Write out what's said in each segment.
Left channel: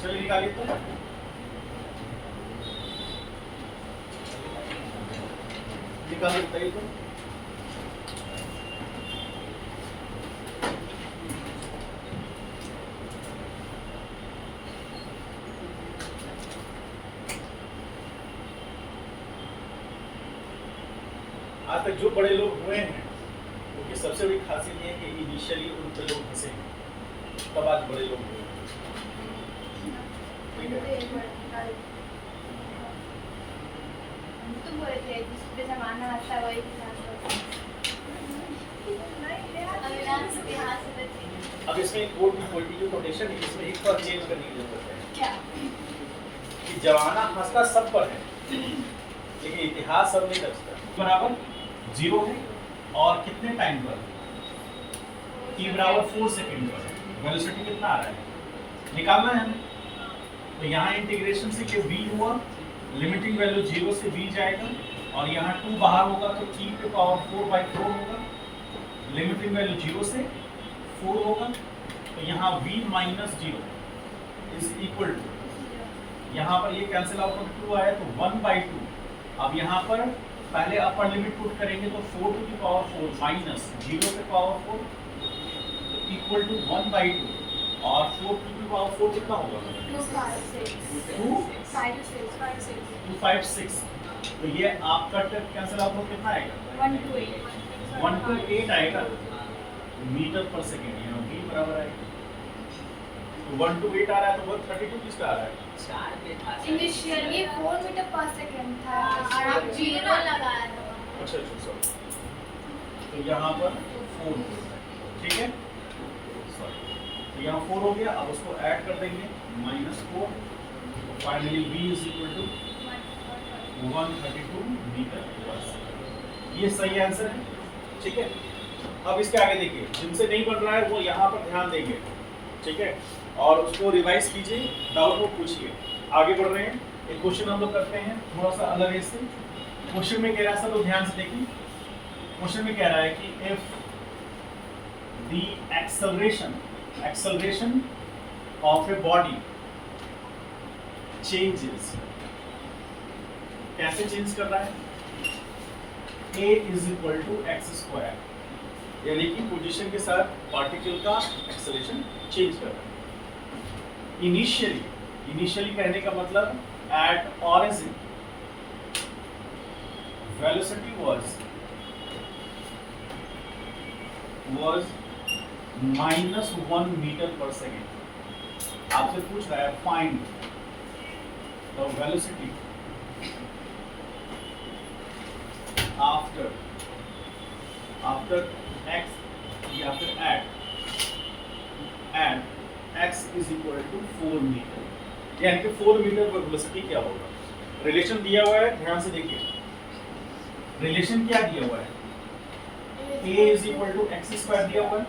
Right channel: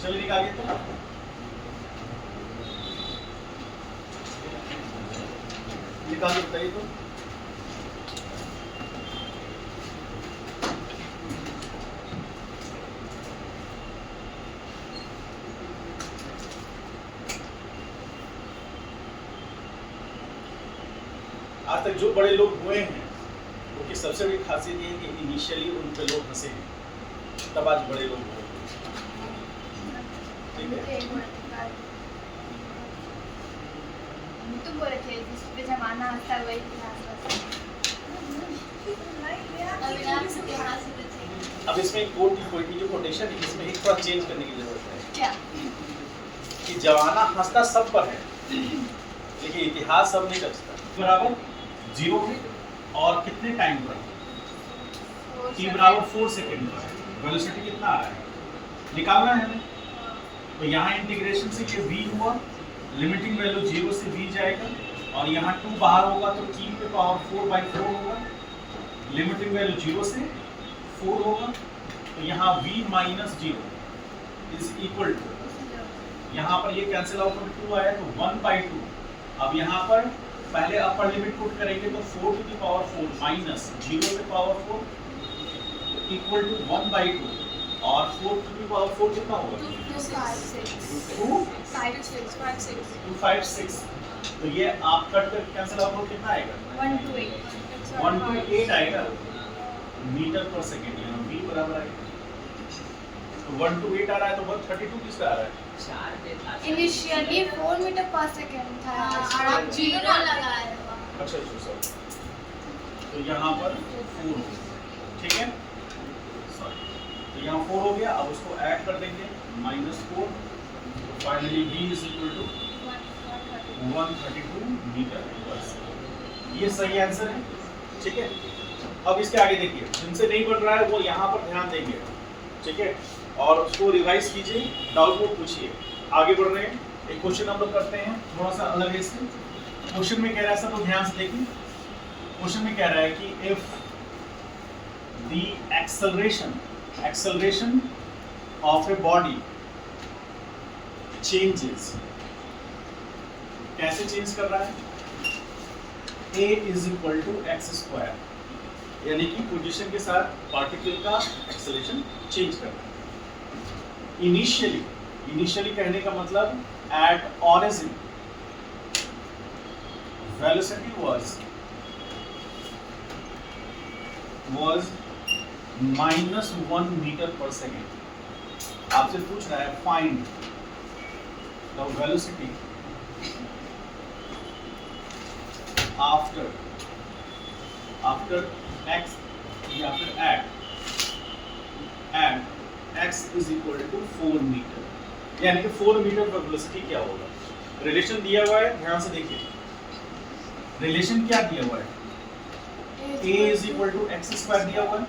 चलिए निकालिए तो निकाल के बताइए तो। आज तक जो बड़े लोग हुए हैं उनकी सबसे बड़ी खासियत ये है कि इनिशियली उन पे लोग हंसे हैं, तब आज बड़े लोग हुए। ठीक है, तुम बोले थे जिसपे जमाना आता है वही अब इसमें कोड की पोइट्री कोटेशन है, इसमें एक बार चेंज करने की जरूरत है। क्या कि जमाना हंसता सब पर है लेकिन इतिहास सब नहीं रचता। बराबर 0 है और कितने टाइम पर? t बराबर 4 सेकेंड पर है। वेलोसिटी कितना आ रहा है निकालना है हमें। तो यहाँ इंटीग्रेशन से कि v हुआ, लिमिटिंग वैल्यू 0 से v जाएगा और यहाँ 2 बाहर होगा तो t पे पावर 4/4 होगा, लिमिटिंग वैल्यू 0 से 4 होगा तो यहाँ v minus 0 is equal to, यहाँ पर ये कैंसिल आउट होकर 2 आया तो 1/2। अब यहाँ पर पहले अपर लिमिट पुट करेंगे तो 4 टू द पावर 4 माइनस 0 पे पावर 4 इक्वल टू 1/2 और 4 टू द पावर 4 कितना होगा? 256। तो ये आप कट कर कैंसिल आउट हो कितना आएगा? 1 to 8 आएगा मीटर पर सेकेंड, यहाँ v बराबर आएगा। तो 1 to 8 आ रहा है तो 132 किसका आ रहा है? इनिशियली 4 मीटर पर सेकंड था और आप 0 लगा रहे हो। अच्छा सॉरी, तो यहाँ पर 4 हो गया, ठीक है सॉरी, तो यहाँ 4 हो गया। अब उसको ऐड कर देंगे -4, finally v is equal to 132 metre per second. ये सही आंसर है, ठीक है। अब इसके आगे देखिए, जिनसे नहीं बन रहा है वो यहाँ पर ध्यान देंगे, ठीक है, और उसको रिवाइज कीजिए, डाउट को पूछिए। आगे बढ़ रहे हैं, एक क्वेश्चन हम लोग करते हैं थोड़ा सा अलग है इससे। क्वेश्चन में कह रहा है, सब लोग ध्यान से देखिए। क्वेश्चन में कह रहा है कि if the acceleration of a body changes, कैसे चेंज कर रहा है? a is equal to x², यानी कि पोजीशन के साथ पार्टिकल का एक्सेलरेशन चेंज कर रहा है। इनिशियली कहने का मतलब at origin velocity was -1 metre per second. आपसे पूछ रहा है find the velocity after x या फिर at x is equal to 4 metre, यानी कि 4 मीटर पर वेलोसिटी क्या होगा? रिलेशन दिया हुआ है, ध्यान से देखिए। रिलेशन क्या दिया हुआ है? a is equal to x² दिया हुआ है,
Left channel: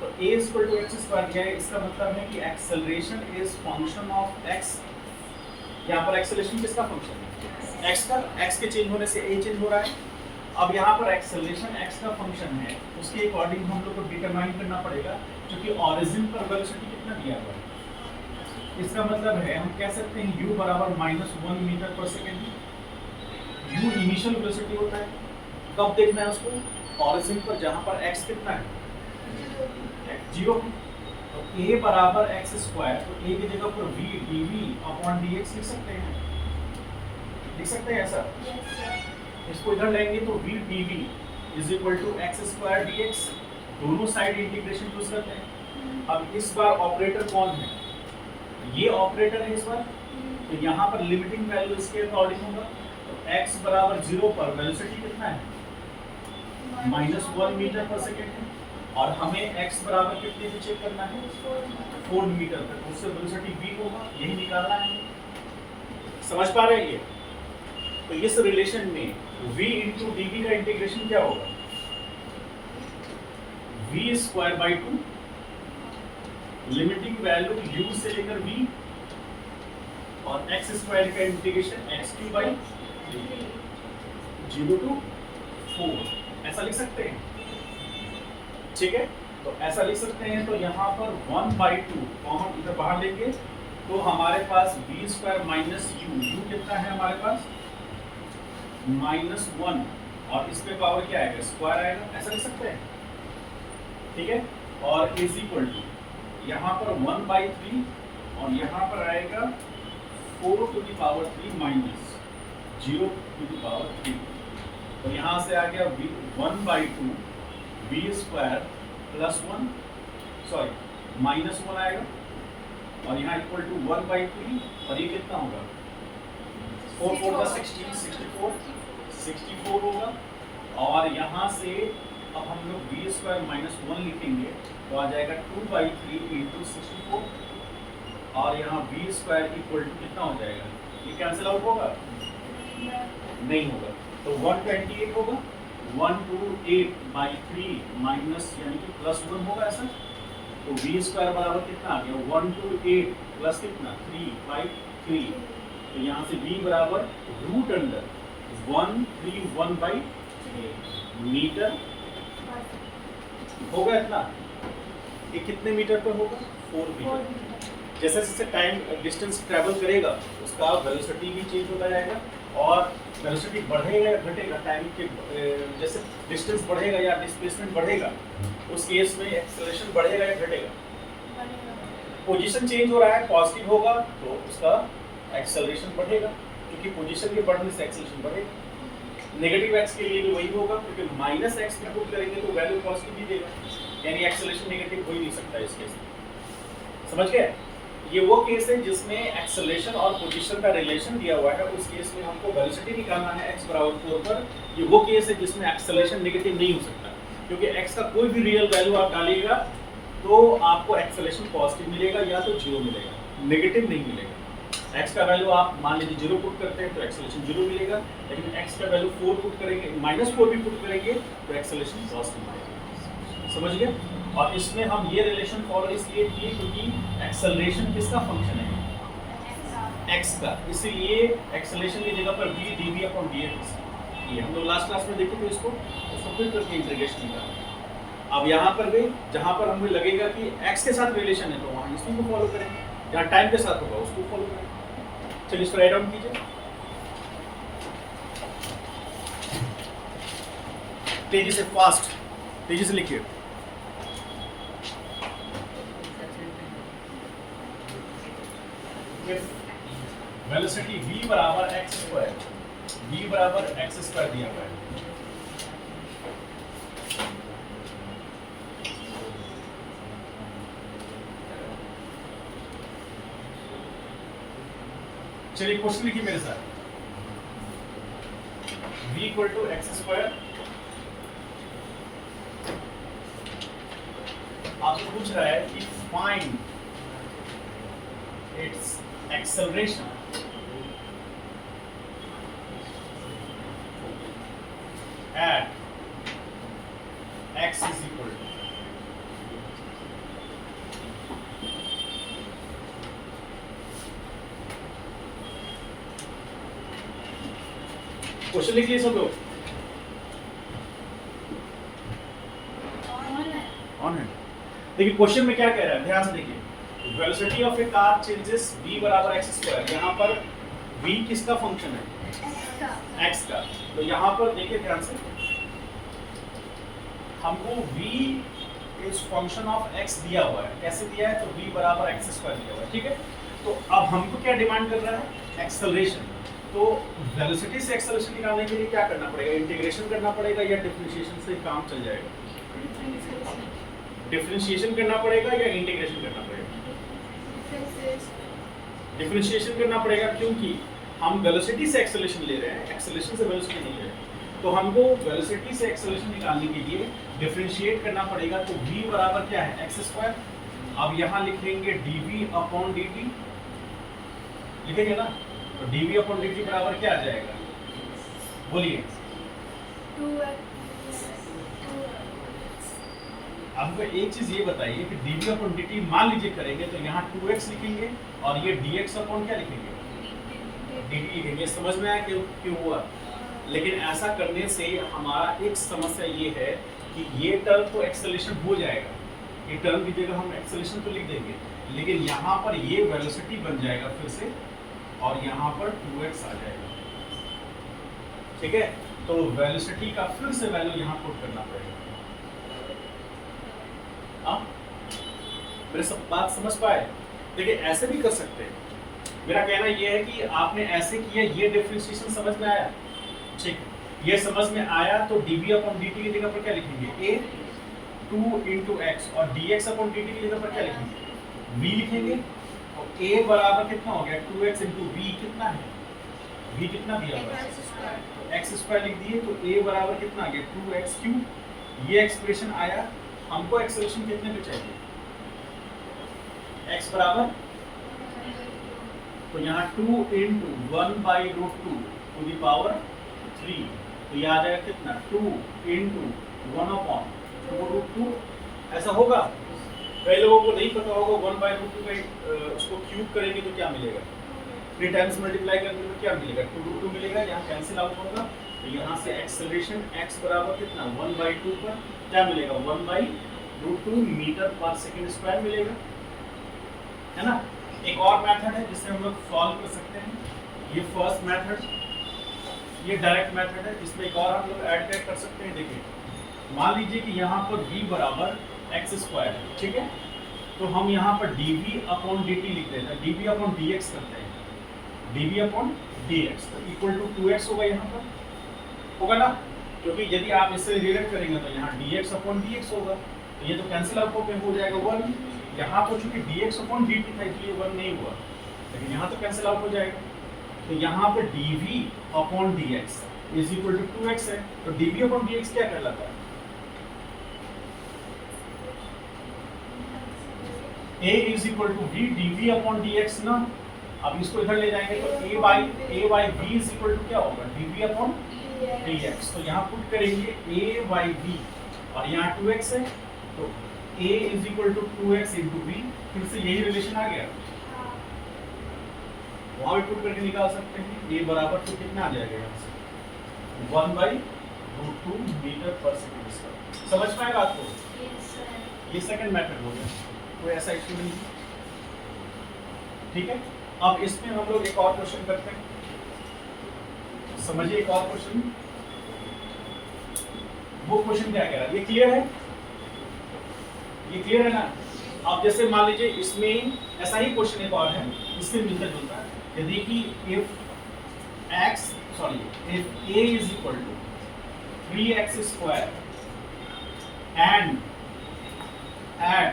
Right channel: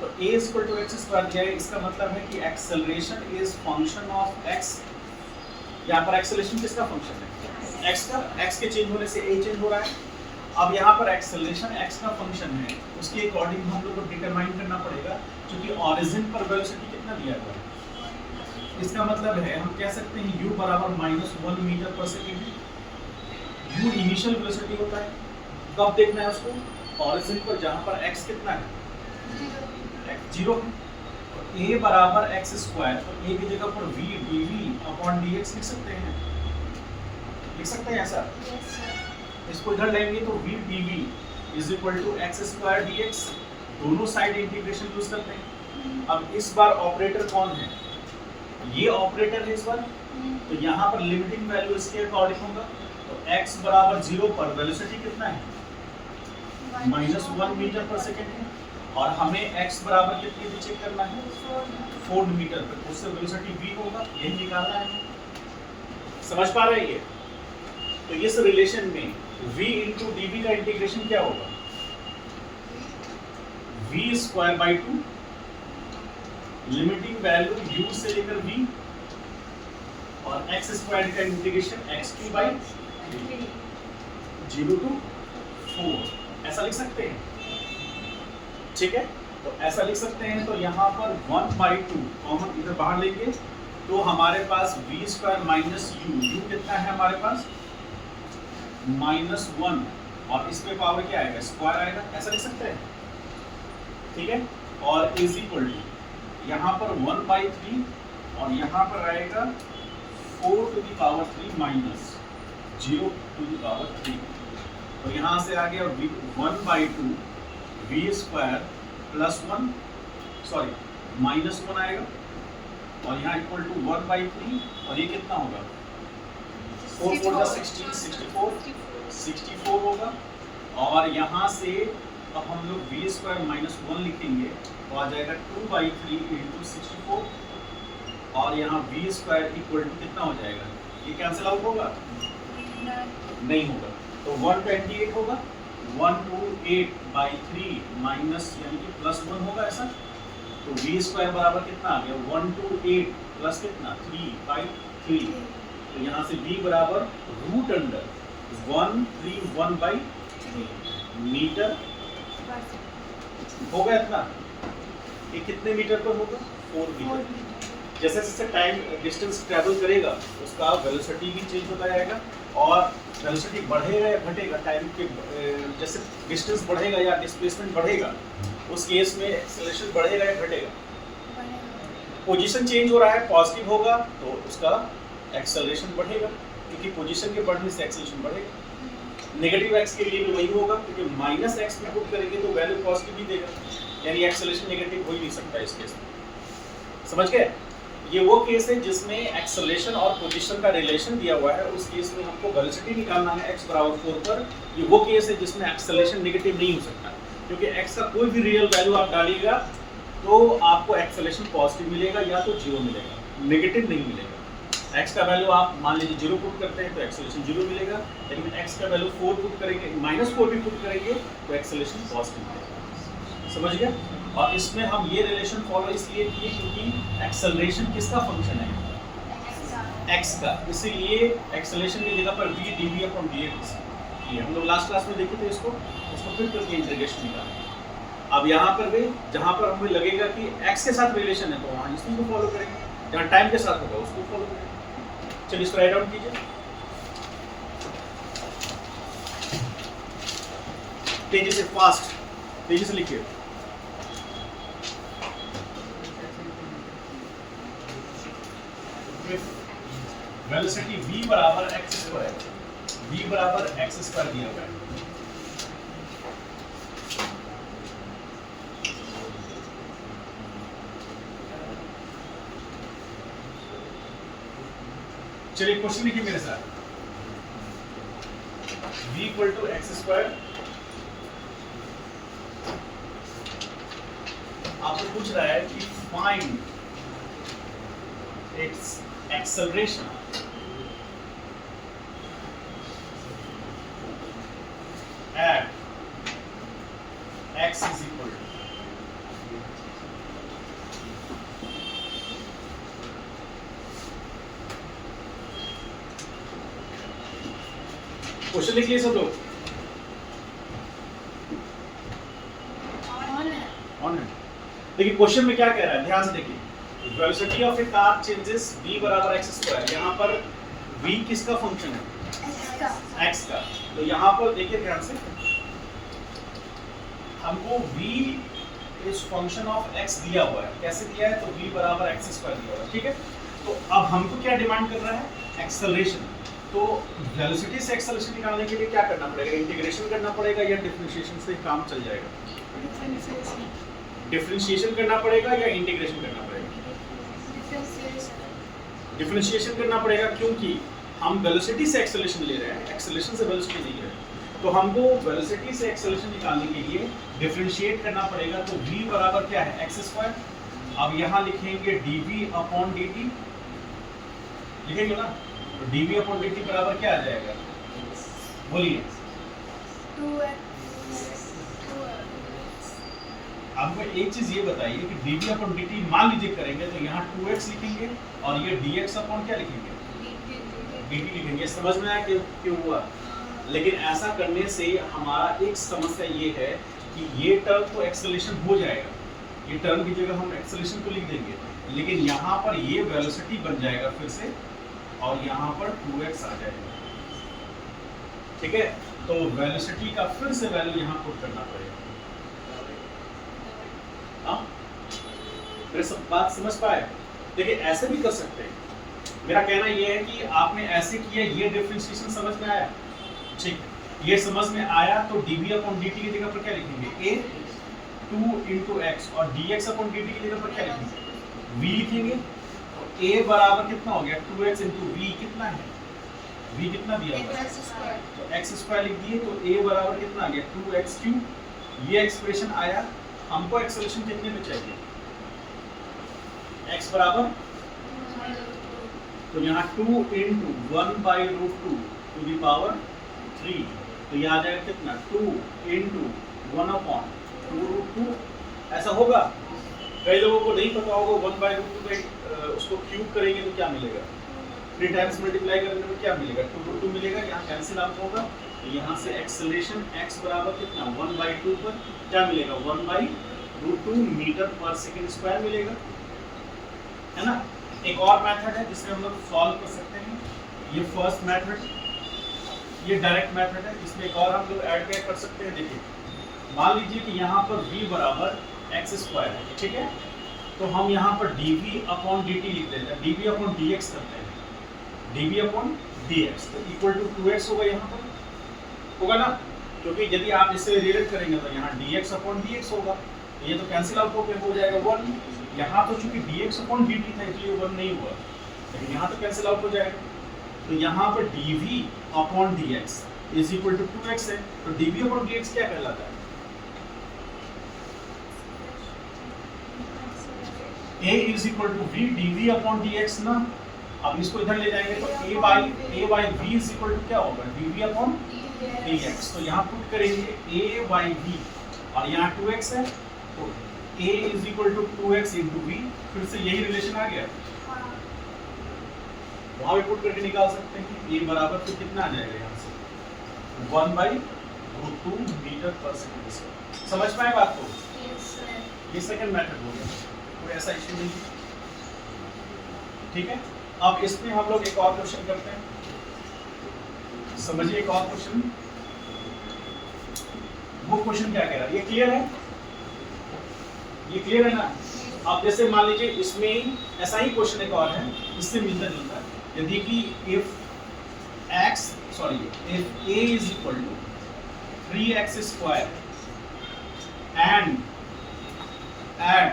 तो a is equal to x² दिया है, इसका मतलब है कि acceleration is function of x। यहाँ पर एक्सेलरेशन किसका फंक्शन है? x का। x के चेंज होने से a चेंज हो रहा है। अब यहाँ पर एक्सेलरेशन x का फंक्शन है, उसके अकॉर्डिंग हम लोग को डिटरमाइन करना पड़ेगा, क्योंकि ऑरिजिन पर वेलोसिटी कितना दिया हुआ है। इसका मतलब है हम कह सकते हैं u बराबर -1 metre per second. u initial velocity होता है, कब देखना है उसको? ऑरिजिन पर, जहाँ पर x कितना है? 0 है। तो a बराबर x², तो a की जगह पर v dv/dx लिख सकते हैं, लिख सकते हैं ऐसा। इसको इधर लेंगे तो v dv is equal to x² dx, दोनों साइड इंटीग्रेशन यूज करते हैं। अब इस बार ऑपरेटर कौन है? ये ऑपरेटर है इस बार, तो यहाँ पर लिमिटिंग वैल्यू इसके अकॉर्डिंग होगा। तो x बराबर 0 पर वेलोसिटी कितना है? -1 मीटर पर सेकेंड है, और हमें x बराबर कितने पे चेक करना है? 4 मीटर पर, उससे वेलोसिटी v होगा, यही निकालना है। समझ पा रहे हैं ये? तो इस रिलेशन में v इंटू dv का इंटीग्रेशन क्या होगा? v square by 2 limiting value u से लेकर v और x स्क्वायर का integration x cube by 0 to 4 ऐसा लिख सकते हैं, ठीक है। तो ऐसा लिख सकते हैं। तो यहाँ पर 1/2 कॉमन इधर बाहर लेंगे तो हमारे पास v स्क्वायर माइनस u कितना है हमारे पास -1 और इस पे पावर क्या आएगा? स्क्वायर आएगा, ऐसा लिख सकते हैं, ठीक है। और इज इक्वल टू यहाँ पर 1/3 और यहाँ पर आएगा 4 to the power 3 minus 0 to the power 3। तो यहाँ से आ गया 1/2 v स्क्वायर प्लस 1 सॉरी -1 आएगा और यहाँ इक्वल टू 1/3 और ये कितना होगा? 4 4 का 16 64 होगा। और यहाँ से अब हम लोग v स्क्वायर माइनस 1 लिखेंगे तो आ जाएगा 2/3 इंटू 64 और यहाँ v स्क्वायर इक्वल टू कितना हो जाएगा? ये कैंसिल आउट होगा? नहीं होगा। तो 128 होगा 128/3 माइनस यानी कि प्लस 1 होगा ऐसा। तो v स्क्वायर बराबर कितना आ गया? 128 प्लस कितना 3/3। तो यहाँ से v बराबर रूट अंडर 131/3 मीटर होगा। इतना ये कितने मीटर पर होगा? 4 मीटर। जैसे जैसे टाइम डिस्टेंस ट्रैवल करेगा उसका वेलोसिटी भी चेंज होता जाएगा और वेलोसिटी बढ़ेगा या घटेगा टाइम के जैसे डिस्टेंस बढ़ेगा या डिस्प्लेसमेंट बढ़ेगा उस केस में एक्सेलरेशन बढ़ेगा या घटेगा? पोजीशन चेंज हो रहा है, पॉजिटिव होगा तो उसका एक्सेलरेशन बढ़ेगा क्योंकि पोजीशन के बढ़ने से एक्सेलरेशन बढ़ेगा। नेगेटिव एक्स के लिए भी वही होगा क्योंकि माइनस एक्स में पुट करेंगे तो वैल्यू पॉजिटिव ही देगा, यानी एक्सेलरेशन नेगेटिव हो ही नहीं सकता इस केस में। समझ गए? ये वो केस है जिसमें एक्सेलरेशन और पोजीशन का रिलेशन दिया हुआ है, उस केस में हमको वेलोसिटी निकालना है x बराबर 4 पर। ये वो केस है जिसमें एक्सेलरेशन नेगेटिव नहीं हो सकता क्योंकि x का कोई भी रियल वैल्यू आप डालिएगा तो आपको एक्सेलरेशन पॉजिटिव मिलेगा या तो 0 मिलेगा, नेगेटिव नहीं मिलेगा। x का वैल्यू आप मान लीजिए 0 पुट करते हैं तो एक्सेलरेशन 0 मिलेगा, लेकिन x का वैल्यू 4 पुट करेंगे -4 भी पुट करेंगे तो एक्सेलरेशन पॉजिटिव मिलेगा। समझ गए? और इसमें हम ये रिलेशन फॉलो इसलिए किए क्योंकि एक्सेलरेशन किसका फंक्शन है? x का, इसीलिए एक्सेलरेशन की जगह पर v dv/dx ये हम लोग लास्ट क्लास में देखे थे। इसको फिर करके इंटीग्रेशन निकाला। अब यहाँ पर भी जहाँ पर हमें लगेगा कि x के साथ रिलेशन है तो वहाँ इसी को फॉलो करेंगे, जहाँ टाइम के साथ होगा उसको फॉलो करेंगे। चलिए इसको राइट डाउन कीजिए, तेजी से, फास्ट, तेजी से लिखिए। वेलोसिटी v बराबर x स्क्वायर दिया हुआ है। चलिए क्वेश्चन लिखिए मेरे साथ। v equal to X square. आपसे पूछ रहा है कि find its acceleration at x is equal to question लिख लिए सब लोग? ऑन है। देखिए क्वेश्चन में क्या कह रहा है, ध्यान से देखिए। Velocity of A car changes v बराबर एक्स स्क्वायर। यहाँ पर v किसका फंक्शन है? x का। तो यहाँ पर देखिए ध्यान से, हमको v is function of x दिया हुआ है। कैसे दिया है? तो v बराबर एक्स स्क्वायर दिया हुआ है, ठीक है। तो अब हमको क्या डिमांड कर रहा है? एक्सेलरेशन। तो वेलोसिटी से एक्सेलरेशन निकालने के लिए क्या करना पड़ेगा? इंटीग्रेशन करना पड़ेगा या डिफरेंशिएशन से काम चल जाएगा? डिफरेंशिएशन करना पड़ेगा या इंटीग्रेशन करना पड़ेगा? डिफरेंशिएशन करना पड़ेगा क्योंकि हम वेलोसिटी से एक्सेलरेशन ले रहे हैं, एक्सेलरेशन से वेलोसिटी नहीं ले रहे हैं। तो हमको वेलोसिटी से एक्सेलरेशन निकालने के लिए डिफरेंशिएट करना पड़ेगा। तो v बराबर क्या है? X square. अब यहाँ लिखेंगे dv/dt, लिखेंगे ना? तो dv/dt बराबर क्या आ जाएगा? बोलिए। 2x आपको एक चीज ये बताइए कि dv अपॉन dt मान लीजिए करेंगे तो यहाँ 2x लिखेंगे और ये dx अपॉन क्या लिखेंगे, dt लिखेंगे। समझ में आया क्यों हुआ? लेकिन ऐसा करने से हमारा एक समस्या ये है कि ये टर्म तो एक्सेलरेशन हो जाएगा, ये टर्म की जगह हम एक्सेलरेशन को लिख देंगे, लेकिन यहाँ पर ये वेलोसिटी बन जाएगा फिर से और यहाँ पर 2x आ जाएगा। ठीक है, तो वेलोसिटी का फिर से वैल्यू यहाँ पुट करना पड़ेगा। मेरे सब बात समझ पाए? देखिए ऐसे भी कर सकते हैं। मेरा कहना यह है कि आपने ऐसे किया, ये डिफरेंशिएशन समझ में आया? ठीक, ये समझ में आया तो dv अपॉन dt की जगह पर क्या लिखेंगे, a 2 into x और dx अपॉन dt की जगह पर क्या लिखेंगे, v लिखेंगे। और a बराबर कितना हो गया, 2x into v कितना है, v कितना दिया हुआ है, तो x स्क्वायर लिख दिए, तो a बराबर कितना आ गया 2x क्यूब। ये एक्सप्रेशन आया। हमको एक्सेलरेशन कितने पे चाहिए, x बराबर, तो यहाँ 2 into 1/√2 to the power 3, तो ये आ जाएगा कितना 2 into 1/√2। ऐसा होगा? कई लोगों को नहीं पता होगा 1/√2 का उसको क्यूब करेंगे तो क्या मिलेगा, 3 टाइम्स मल्टीप्लाई करने पर क्या मिलेगा, 2√2 मिलेगा। यहाँ कैंसिल आउट होगा, तो यहाँ से एक्सेलरेशन x बराबर कितना 1/2 पर क्या मिलेगा, 1/√2 मीटर पर सेकेंड स्क्वायर मिलेगा, है ना। एक और मेथड है जिससे हम लोग सॉल्व कर सकते हैं, ये फर्स्ट मेथड, ये डायरेक्ट मेथड है, जिसमें एक और हम लोग ऐड कर सकते हैं। देखिए मान लीजिए कि यहाँ पर v बराबर x स्क्वायर है, ठीक है, तो हम यहाँ पर dv अपॉन dt लिख देते हैं, dv अपॉन dx करते हैं, dv अपॉन dx तो इक्वल टू 2x होगा, यहाँ पर होगा ना, क्योंकि यदि आप इससे रिलेट करेंगे तो यहाँ dx अपॉन dx होगा, तो ये तो कैंसिल आउट होकर हो जाएगा 1। यहाँ तो चूंकि dx अपॉन dt था इसलिए 1 नहीं हुआ, लेकिन यहाँ तो कैंसिल आउट हो जाएगा। तो यहाँ पर dv upon dx is equal to 2x है, तो dv अपॉन dx क्या कहलाता है, a is equal to v dv upon dx ना। अब इसको इधर ले जाएंगे तो a by v is equal to क्या होगा, dv अपॉन dx। तो यहाँ पुट करेंगे a by v और यहाँ 2x है, तो a is equal to 2x into v, फिर से यही रिलेशन आ गया, वहां भी पुट करके निकाल सकते हैं। a बराबर तो कितना आ जाएगा यहाँ से 1/√2 मीटर पर सेकेंड स्क्वायर। समझ में आए बात को? ये सेकंड मेथड हो गया, कोई ऐसा इश्यू नहीं। ठीक है, अब इसमें हम लोग एक और क्वेश्चन करते हैं, समझिए एक और क्वेश्चन। वो क्वेश्चन क्या कह रहा है, ये क्लियर है, ये क्लियर है ना। अब जैसे मान लीजिए इसमें ऐसा ही क्वेश्चन एक और है, इससे मिलता जुलता है। यदि कि if a is equal to 3x square and at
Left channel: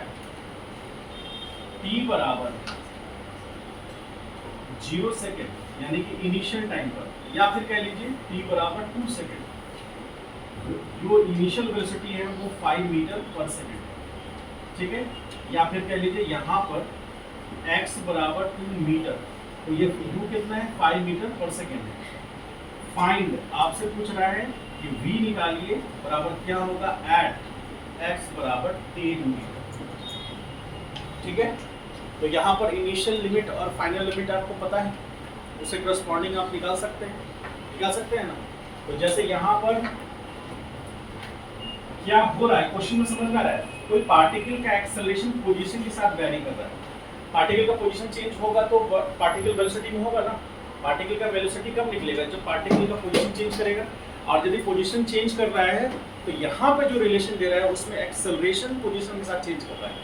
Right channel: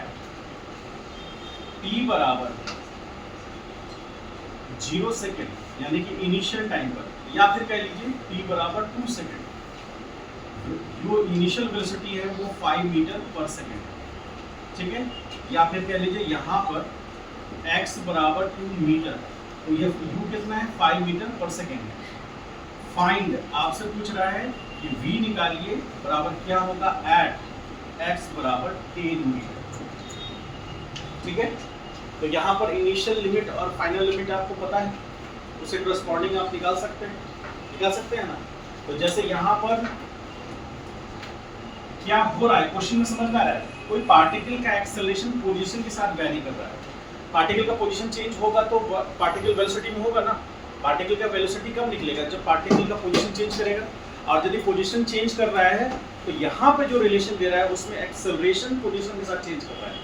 t बराबर 0 सेकेंड यानी कि इनिशियल टाइम पर, या फिर कह लीजिए t बराबर 2 सेकेंड, जो इनिशियल वेलोसिटी है वो 5 मीटर पर सेकेंड है, ठीक है। या फिर कह लीजिए यहाँ पर x बराबर 2 मीटर, तो ये u कितना है 5 मीटर पर सेकेंड है। फाइंड आपसे पूछ रहा है कि v निकालिए बराबर क्या होगा एट x बराबर 10 मीटर, ठीक है। तो यहाँ पर इनिशियल लिमिट और फाइनल लिमिट आपको पता है, उसे करस्पॉन्डिंग आप निकाल सकते हैं ना। तो जैसे यहाँ पर क्या हो रहा है क्वेश्चन में समझ में आ रहा है, कोई पार्टिकल का एक्सेलरेशन पोजीशन के साथ वैरी कर रहा है, पार्टिकल का पोजीशन चेंज होगा तो पार्टिकल वेलोसिटी में होगा ना। पार्टिकल का वेलोसिटी कब निकलेगा, जब पार्टिकल का पोजीशन चेंज करेगा। और यदि पोजीशन चेंज कर रहा है तो यहाँ पे जो रिलेशन दे रहा है उसमें एक्सेलरेशन पोजीशन के साथ चेंज कर रहा है,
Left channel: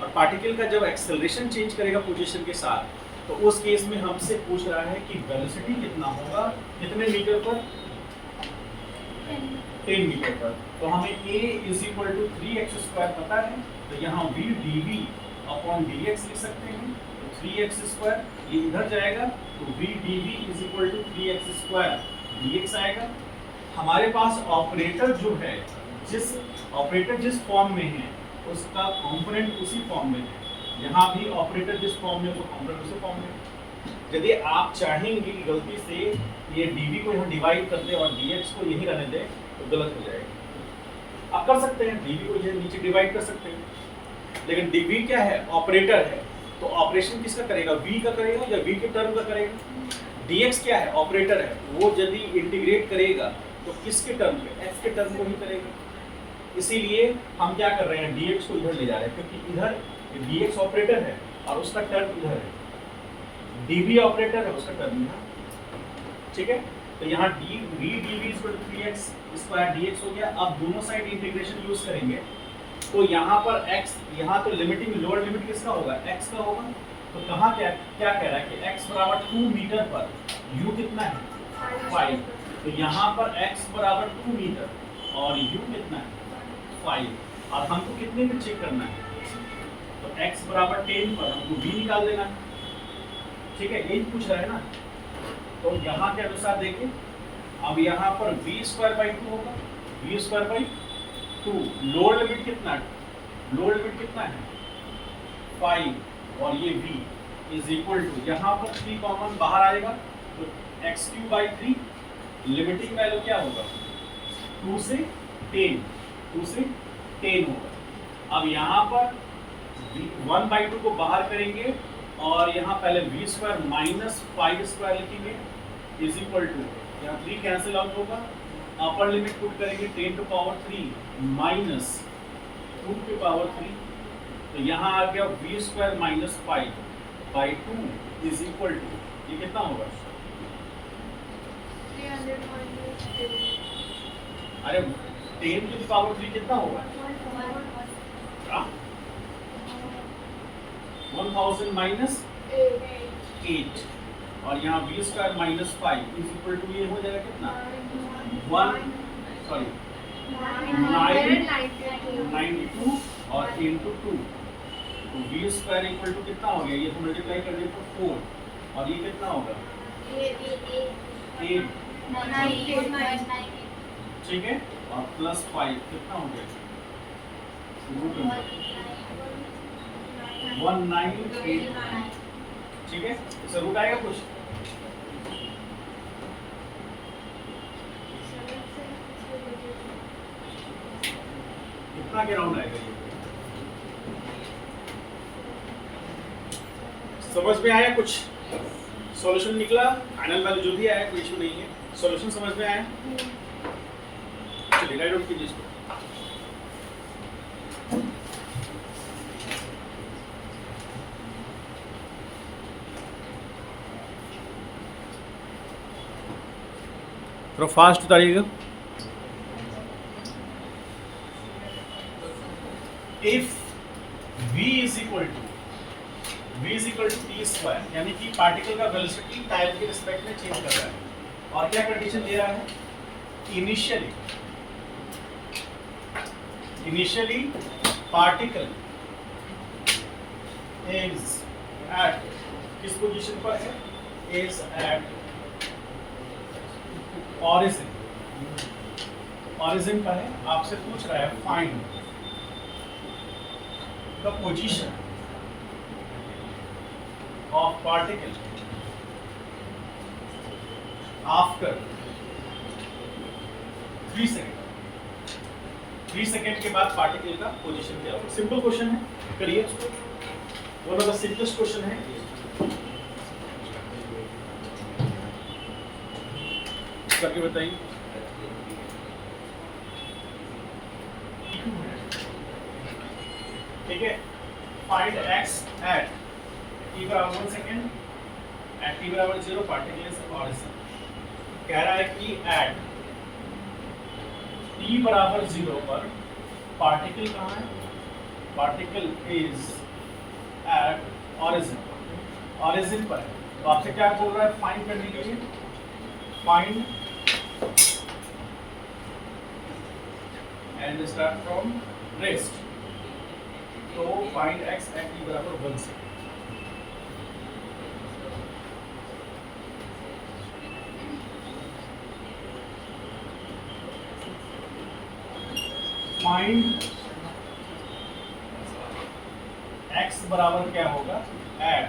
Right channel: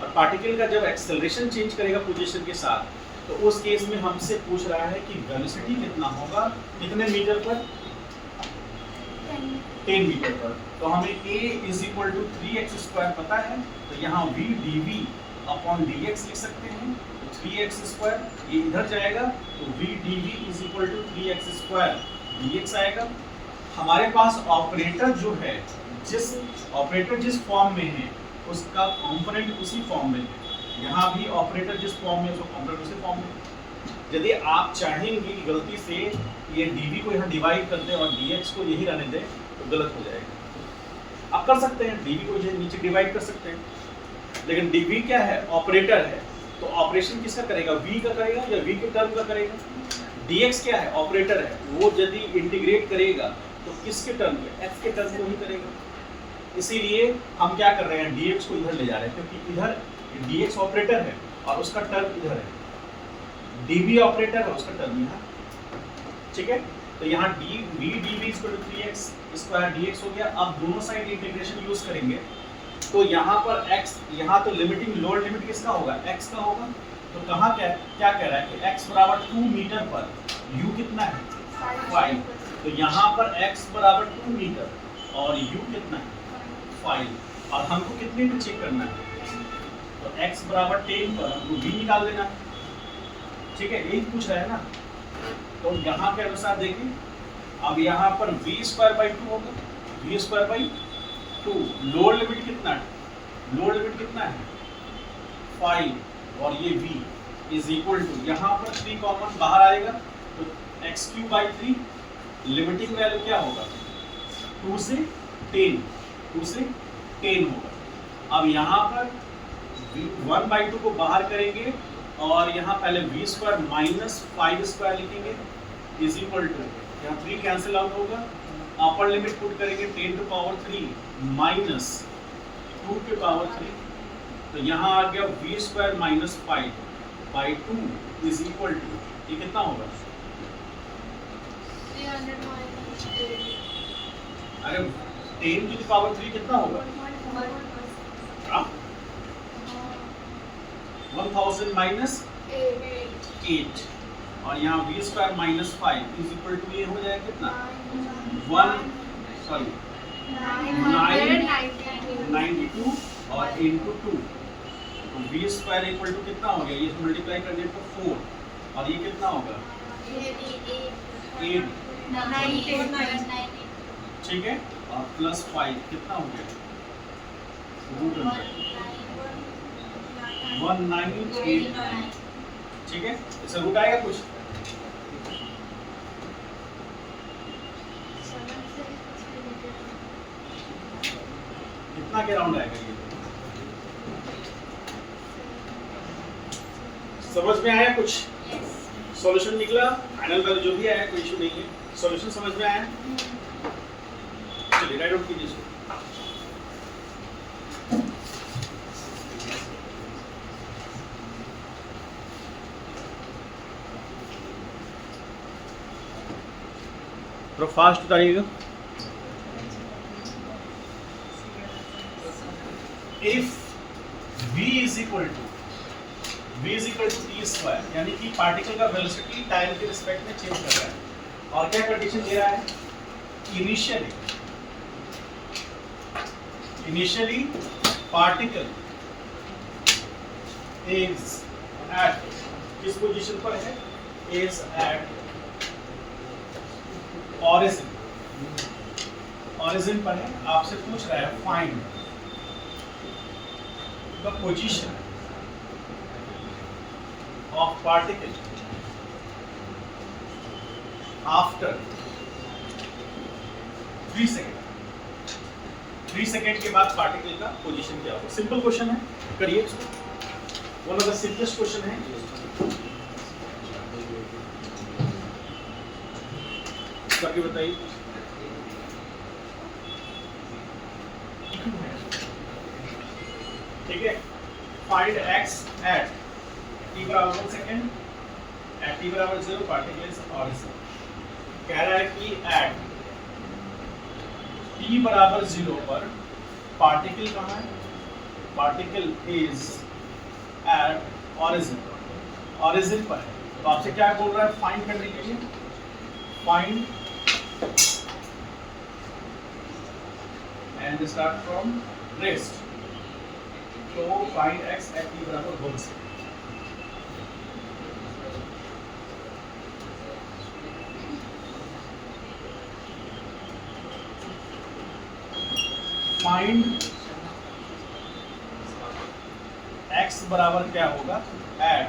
और पार्टिकल का जब एक्सेलरेशन चेंज करेगा पोजीशन के साथ तो उस केस में हमसे पूछ रहा है कि वेलोसिटी कितना होगा, कितने मीटर पर, 10 मीटर पर। तो हमें a is equal to 3x square पता है, तो यहाँ v dv अपॉन dx लिख सकते हैं, तो 3x स्क्वायर ये इधर जाएगा, तो v dv is equal to 3x square dx आएगा। हमारे पास ऑपरेटर जो है, जिस फॉर्म में है उसका कॉम्पोनेंट उसी फॉर्म में है, यहाँ भी ऑपरेटर जिस फॉर्म में उसका कॉम्पोनेंट उसी फॉर्म में। यदि आप चाहेंगे कि गलती से ये dv को यहाँ डिवाइड कर दें और dx को यही रहने दें तो गलत हो जाएगा। आप कर सकते हैं, dv को ये नीचे डिवाइड कर सकते हैं, लेकिन dv क्या है, ऑपरेटर है, तो ऑपरेशन किसका करेगा, v का करेगा या v के टर्म का करेगा। dx क्या है, ऑपरेटर है, वो यदि इंटीग्रेट करेगा तो किसके टर्म पे, x के टर्म को ही करेगा। इसीलिए हम क्या कर रहे हैं, dx को इधर ले जा रहे हैं, क्योंकि इधर dx ऑपरेटर है और उसका टर्म इधर है, dv ऑपरेटर है, उसका टर्म यहाँ, ठीक है। तो यहाँ dv = 3x स्क्वायर dx हो गया। अब दोनों साइड इंटीग्रेशन यूज करेंगे तो यहाँ पर x, यहाँ तो लिमिटिंग लोअर लिमिट किसका होगा, x का होगा। तो कहाँ क्या क्या कह रहा है कि x बराबर 2 मीटर पर u कितना है, 5। तो यहाँ पर x बराबर 2 मीटर और u कितना है, 5। और हमको कितने में चेक करना है, तो x बराबर 10 पर हमको v निकाल देना है, ठीक है, यही पूछ रहा है ना। तो यहाँ के अनुसार देखिए, अब यहाँ पर v²/2 होगा, v²/2। लोअर लिमिट कितना है, लोअर लिमिट कितना है, 5 और ये v = यहाँ पर 3 कॉमन बाहर आएगा तो x³ 3। लिमिटिंग वैल्यू क्या होगा, 2 से 10 होगा। अब यहाँ पर 1/2 को बाहर करेंगे और यहाँ पहले v² - 5² लिखेंगे = यहाँ 3 कैंसिल आउट होगा, अपर लिमिट पुट करेंगे 10⁻³ - 2⁻3। तो यहाँ आ गया v² - 5/2 ये कितना होगा, अरे 10⁻³ कितना होगा, 1000 - 8 और यहाँ v² - 5 ये हो जाएगा कितना, 992 और into 2। तो v² = कितना हो गया, ये तो मल्टीप्लाई करने पर 4 और ये कितना होगा 8, ठीक है, और +5 कितना हो गया, 1989, ठीक है। इससे रूट आएगा कुछ, कितना के राउंड आएगा ये, समझ में आया कुछ, सॉल्यूशन निकला, फाइनल वैल्यू जो भी आया कोई इशू नहीं है, सॉल्यूशन समझ में आया। चलिए राइट आउट कीजिए इसको। थोड़ा फास्ट उतारिएगा। इफ v = t², यानी कि पार्टिकल का वेलोसिटी टाइम के रिस्पेक्ट में चेंज कर रहा है, और क्या कंडीशन दे रहा है, इनिशियली पार्टिकल इज एट, किस पोजीशन पर है, इज एट ऑरिजिन पर है। आपसे पूछ रहा है find the position of particle after 3 second. 3 second के बाद पार्टिकल का पोजीशन क्या होगा। सिंपल क्वेश्चन है, करिए इसको, one of the simplest question है। करके बताइए। ठीक है, find x at t = 1 second, at t = 0 particle is origin. कह रहा है कि at t = 0 पर पार्टिकल कहाँ है, पार्टिकल इज एट ऑरिजिन पर है। तो आपसे क्या बोल रहा है फाइंड करने के लिए, find and start from rest. तो फाइंड x at t = 1 से। फाइंड x बराबर क्या होगा, एट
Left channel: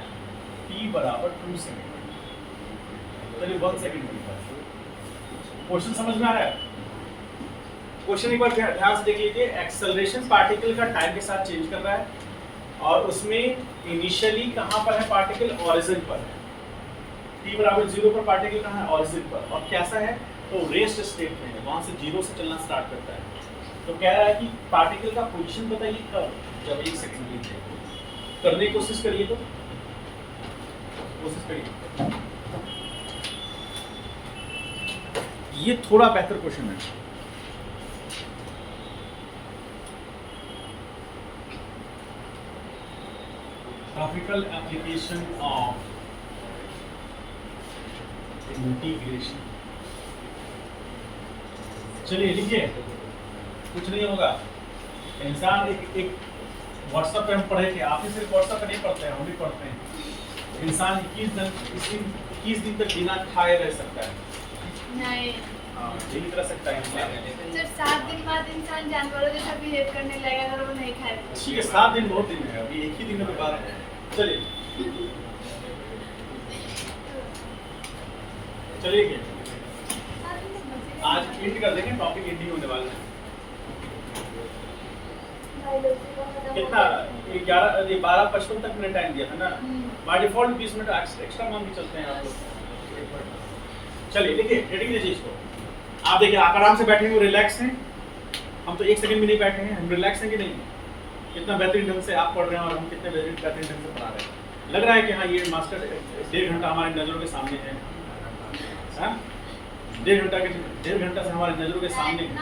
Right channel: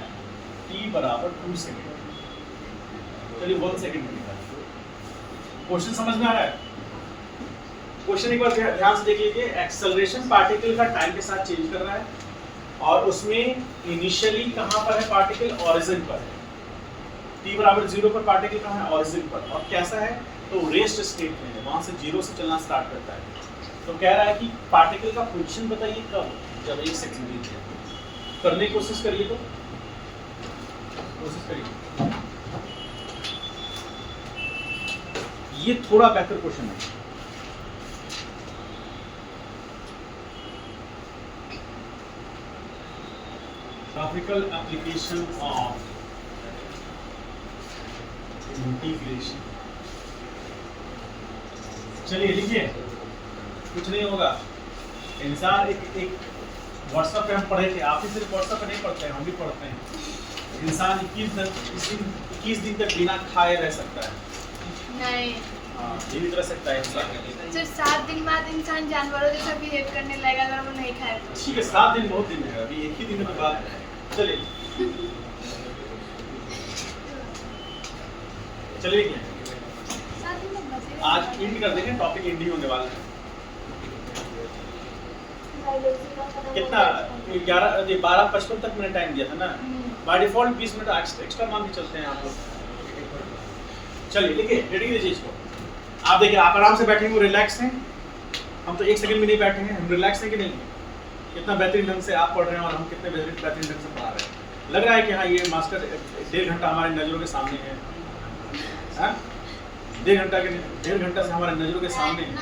t = 2 सेकेंड। चलिए 1 सेकंड मिलता है। क्वेश्चन समझ में आ रहा है? क्वेश्चन एक बार ध्यान से देख लीजिए। एक्सेलरेशन पार्टिकल का टाइम के साथ चेंज कर रहा है और उसमें इनिशियली कहाँ पर है पार्टिकल? ओरिजिन पर है। t बराबर 0 पर पार्टिकल कहाँ है? ओरिजिन पर। और कैसा है? तो रेस्ट स्टेट में है, वहां से 0 से चलना स्टार्ट करता है। तो कह रहा है कि पार्टिकल का पोजीशन बताइए कब? जब 1 सेकंड लीजिए। करने की कोशिश करिए, तो कोशिश करिए। ये थोड़ा बेहतर क्वेश्चन है। Graphical application of integration। चलिए लिखिए, कुछ नहीं होगा। इंसान एक व्हाट्सएप पे हम पढ़े थे, आप ही सिर्फ व्हाट्सएप पे नहीं पढ़ते हैं, हम भी पढ़ते हैं। इंसान 21 दिन तक बिना खाए रह सकता है। नहीं, हाँ, जीवित रह सकता है इंसान। सिर्फ 7 दिन बाद इंसान जानवरों जैसा बिहेव करने लगेगा अगर वो नहीं खाए। ठीक है, 7 दिन बहुत दिन है, अभी एक ही दिन में तो बात है। चलिए चलिए आज एंड कर देंगे, टॉपिक एंड ही होने वाला है। कितना 12:55 तक मैंने टाइम दिया था ना, बाय डिफॉल्ट 20 मिनट एक्स्ट्रा मान के चलते हैं आप लोग। चलिए देखिए, रेडी कीजिए इसको। आप देखिए, आप आराम से बैठे हैं, रिलैक्स हैं। हम तो 1 सेकंड में नहीं बैठे हैं, हम रिलैक्स हैं कि नहीं? कितना बेहतरीन ढंग से आप पढ़ रहे हैं और हम कितने बेहतरीन ढंग से पढ़ा रहे हैं। लग रहा है कि हाँ, ये मास्टर 1.5 घंटा हमारे नज़रों के सामने है। हाँ, 1.5 घंटा से हमारे नज़रों के सामने है।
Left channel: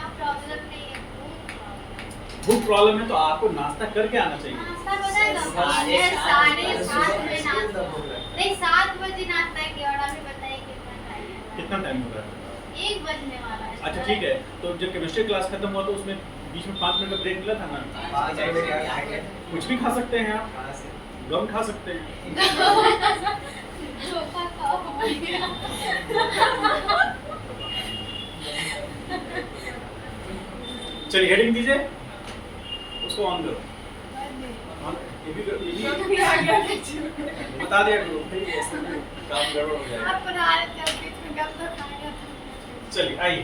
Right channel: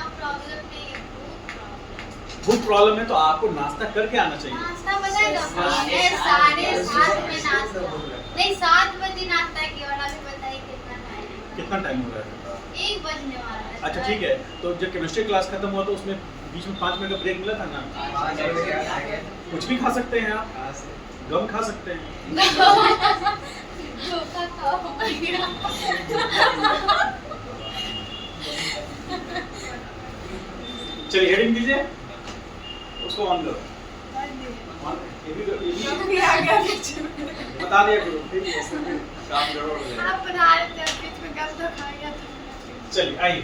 भूख प्रॉब्लम है तो आपको नाश्ता करके आना चाहिए। नाश्ता बनाएगा 7:30 में नाश्ता। नहीं, 7 बजे नाश्ता की और अभी बताइए कितना टाइम हो रहा है? 1 बजने वाला है। अच्छा ठीक है, तो जब केमिस्ट्री क्लास खत्म हुआ तो उसमें बीच में 5 मिनट का ब्रेक मिला था ना? कुछ भी खा सकते हैं आप, गम खा सकते हैं। धोखा खाओ। चलिए हेडिंग दीजिए, उसको ऑन करो। ये भी बता दिया करो, फिर काम गड़बड़ हो जाएगा। आप पढ़ा रहे थे, बीच में गलत खाया। चलिए आइए,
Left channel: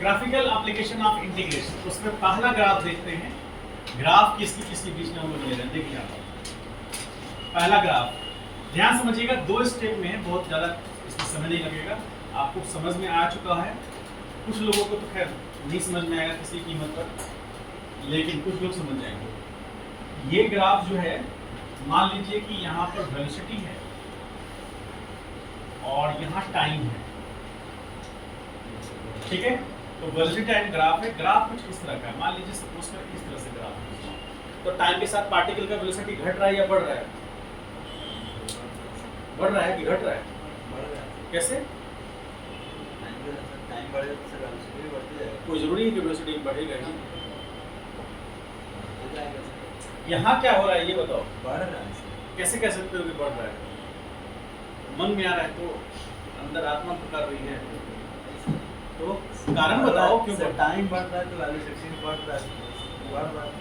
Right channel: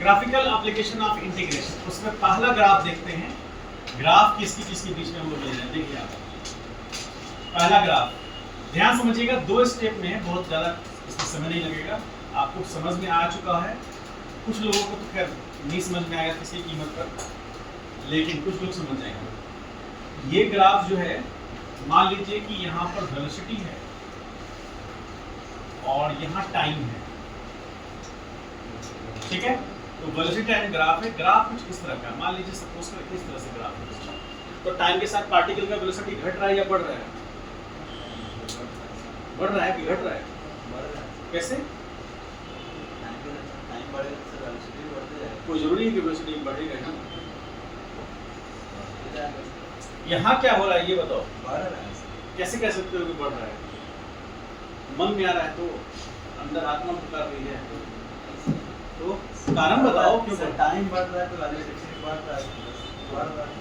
ग्राफिकल एप्लीकेशन ऑफ इंटीग्रेशन, उसमें पहला ग्राफ देखते हैं। ग्राफ किसकी बीच में हम लोग ले रहे हैं, देखिए आप पहला ग्राफ ध्यान समझिएगा। 2 स्टेप में है, बहुत ज़्यादा इसमें समय नहीं लगेगा, आपको समझ में आ चुका है। कुछ लोगों को तो खैर नहीं समझ में आएगा किसी कीमत पर, लेकिन कुछ लोग समझ जाएंगे। ये ग्राफ जो है, मान लीजिए कि यहाँ पर वेलोसिटी है और यहाँ टाइम है, ठीक है? तो वेलोसिटी टाइम ग्राफ है। ग्राफ कुछ इस तरह का, मान लीजिए सपोज कर इस तरह से ग्राफ है। तो टाइम के साथ पार्टिकल का वेलोसिटी घट रहा है या बढ़ रहा है? बढ़ रहा है कि घट रहा है? कैसे? कोई जरूरी है कि वेलोसिटी बढ़ेगा ना। यहाँ क्या हो रहा है ये बताओ? कैसे कह सकते हो कि बढ़ रहा है? मन में आ रहा है तो अंदर आत्मा पुकार रही है, तो कारण बताओ क्यों बढ़ रहा है? टाइम बढ़ रहा है तो वेलोसिटी बढ़ रहा है।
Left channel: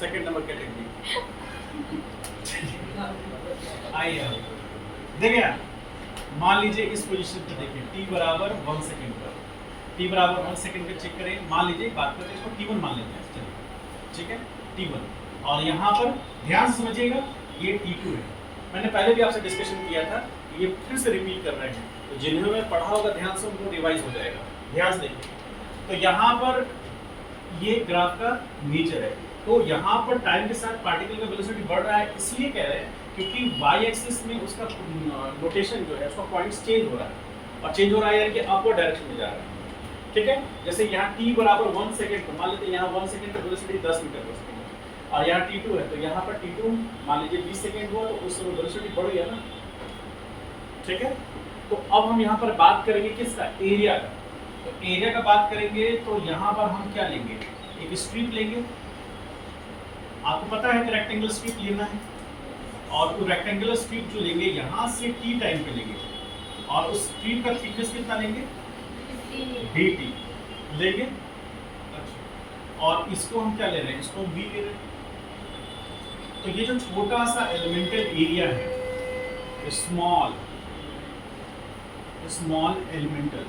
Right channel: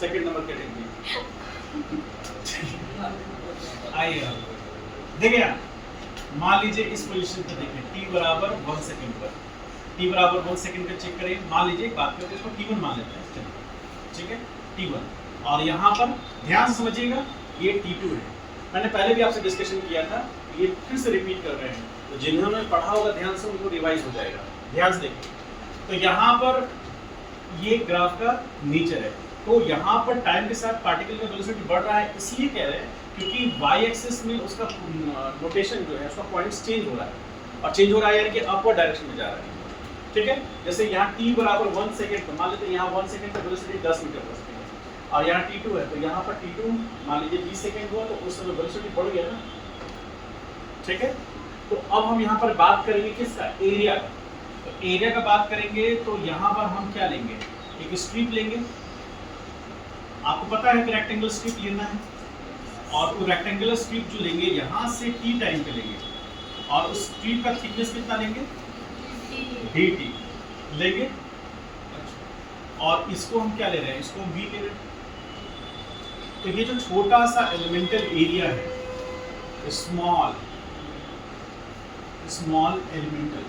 सेकंड नंबर कैटेगरी आइए देखिए, मान लीजिए इस पोजीशन पे देखें, t बराबर 1 सेकंड पर, t बराबर 1 सेकंड पे चेक करें। मान लीजिए एक बात करते हैं, इसको t1 मान लेते हैं, चलिए ठीक है, t1। और यहाँ पर ध्यान से समझिएगा, ये t2 है। मैंने पहले भी आपसे डिस्कशन किया था, ये फिर से रिपीट कर रहे हैं, तो जिन्होंने पढ़ा होगा ध्यान से उनको रिवाइज हो जाएगा। ध्यान से देखिए, तो यहाँ पर ये ग्राफ का नेचर है। तो यहाँ पर टाइम के साथ पार्टिकल का वेलोसिटी बढ़ रहा है, इसलिए कह रहे हैं क्योंकि y एक्सिस में उसका रोटेशन जो है, उसका पॉइंट्स चेंज हो रहा है, और चेंज हो रहा है यानी कि अपवर्ड डायरेक्शन में जा रहा है, ठीक है? जैसे यहाँ t बराबर 1 सेकंड, तो मान लेते हैं यहाँ 1 सेकंड का वेलोसिटी 10 मीटर पर सेकंड है, और यहाँ t2 है, तो यहाँ पर t2 मान लीजिए 20 सेकंड हुआ, तो उस समय वेलोसिटी बढ़ गया ना, ठीक है? तो अब हम यहाँ पर बात करेंगे किसका? एरिया का। तो एरिया का बात करेंगे तो यहाँ पर हम क्या लेंगे? एक स्ट्रिप लेंगे। आपको पता है कि रेक्टेंगुलर स्ट्रिप लेना है, और वो रेक्टेंगुलर स्ट्रिप जो लेंगे यहाँ से t टाइम पे लेंगे, और उस स्ट्रिप का थिकनेस कितना लेंगे? dt लेंगे। और इसको हम क्या ले रहे हैं? इसको हम v ले रहे हैं। तो ये जो छोटा सा एलिमेंटल एरिया है, स्मॉल एलिमेंटल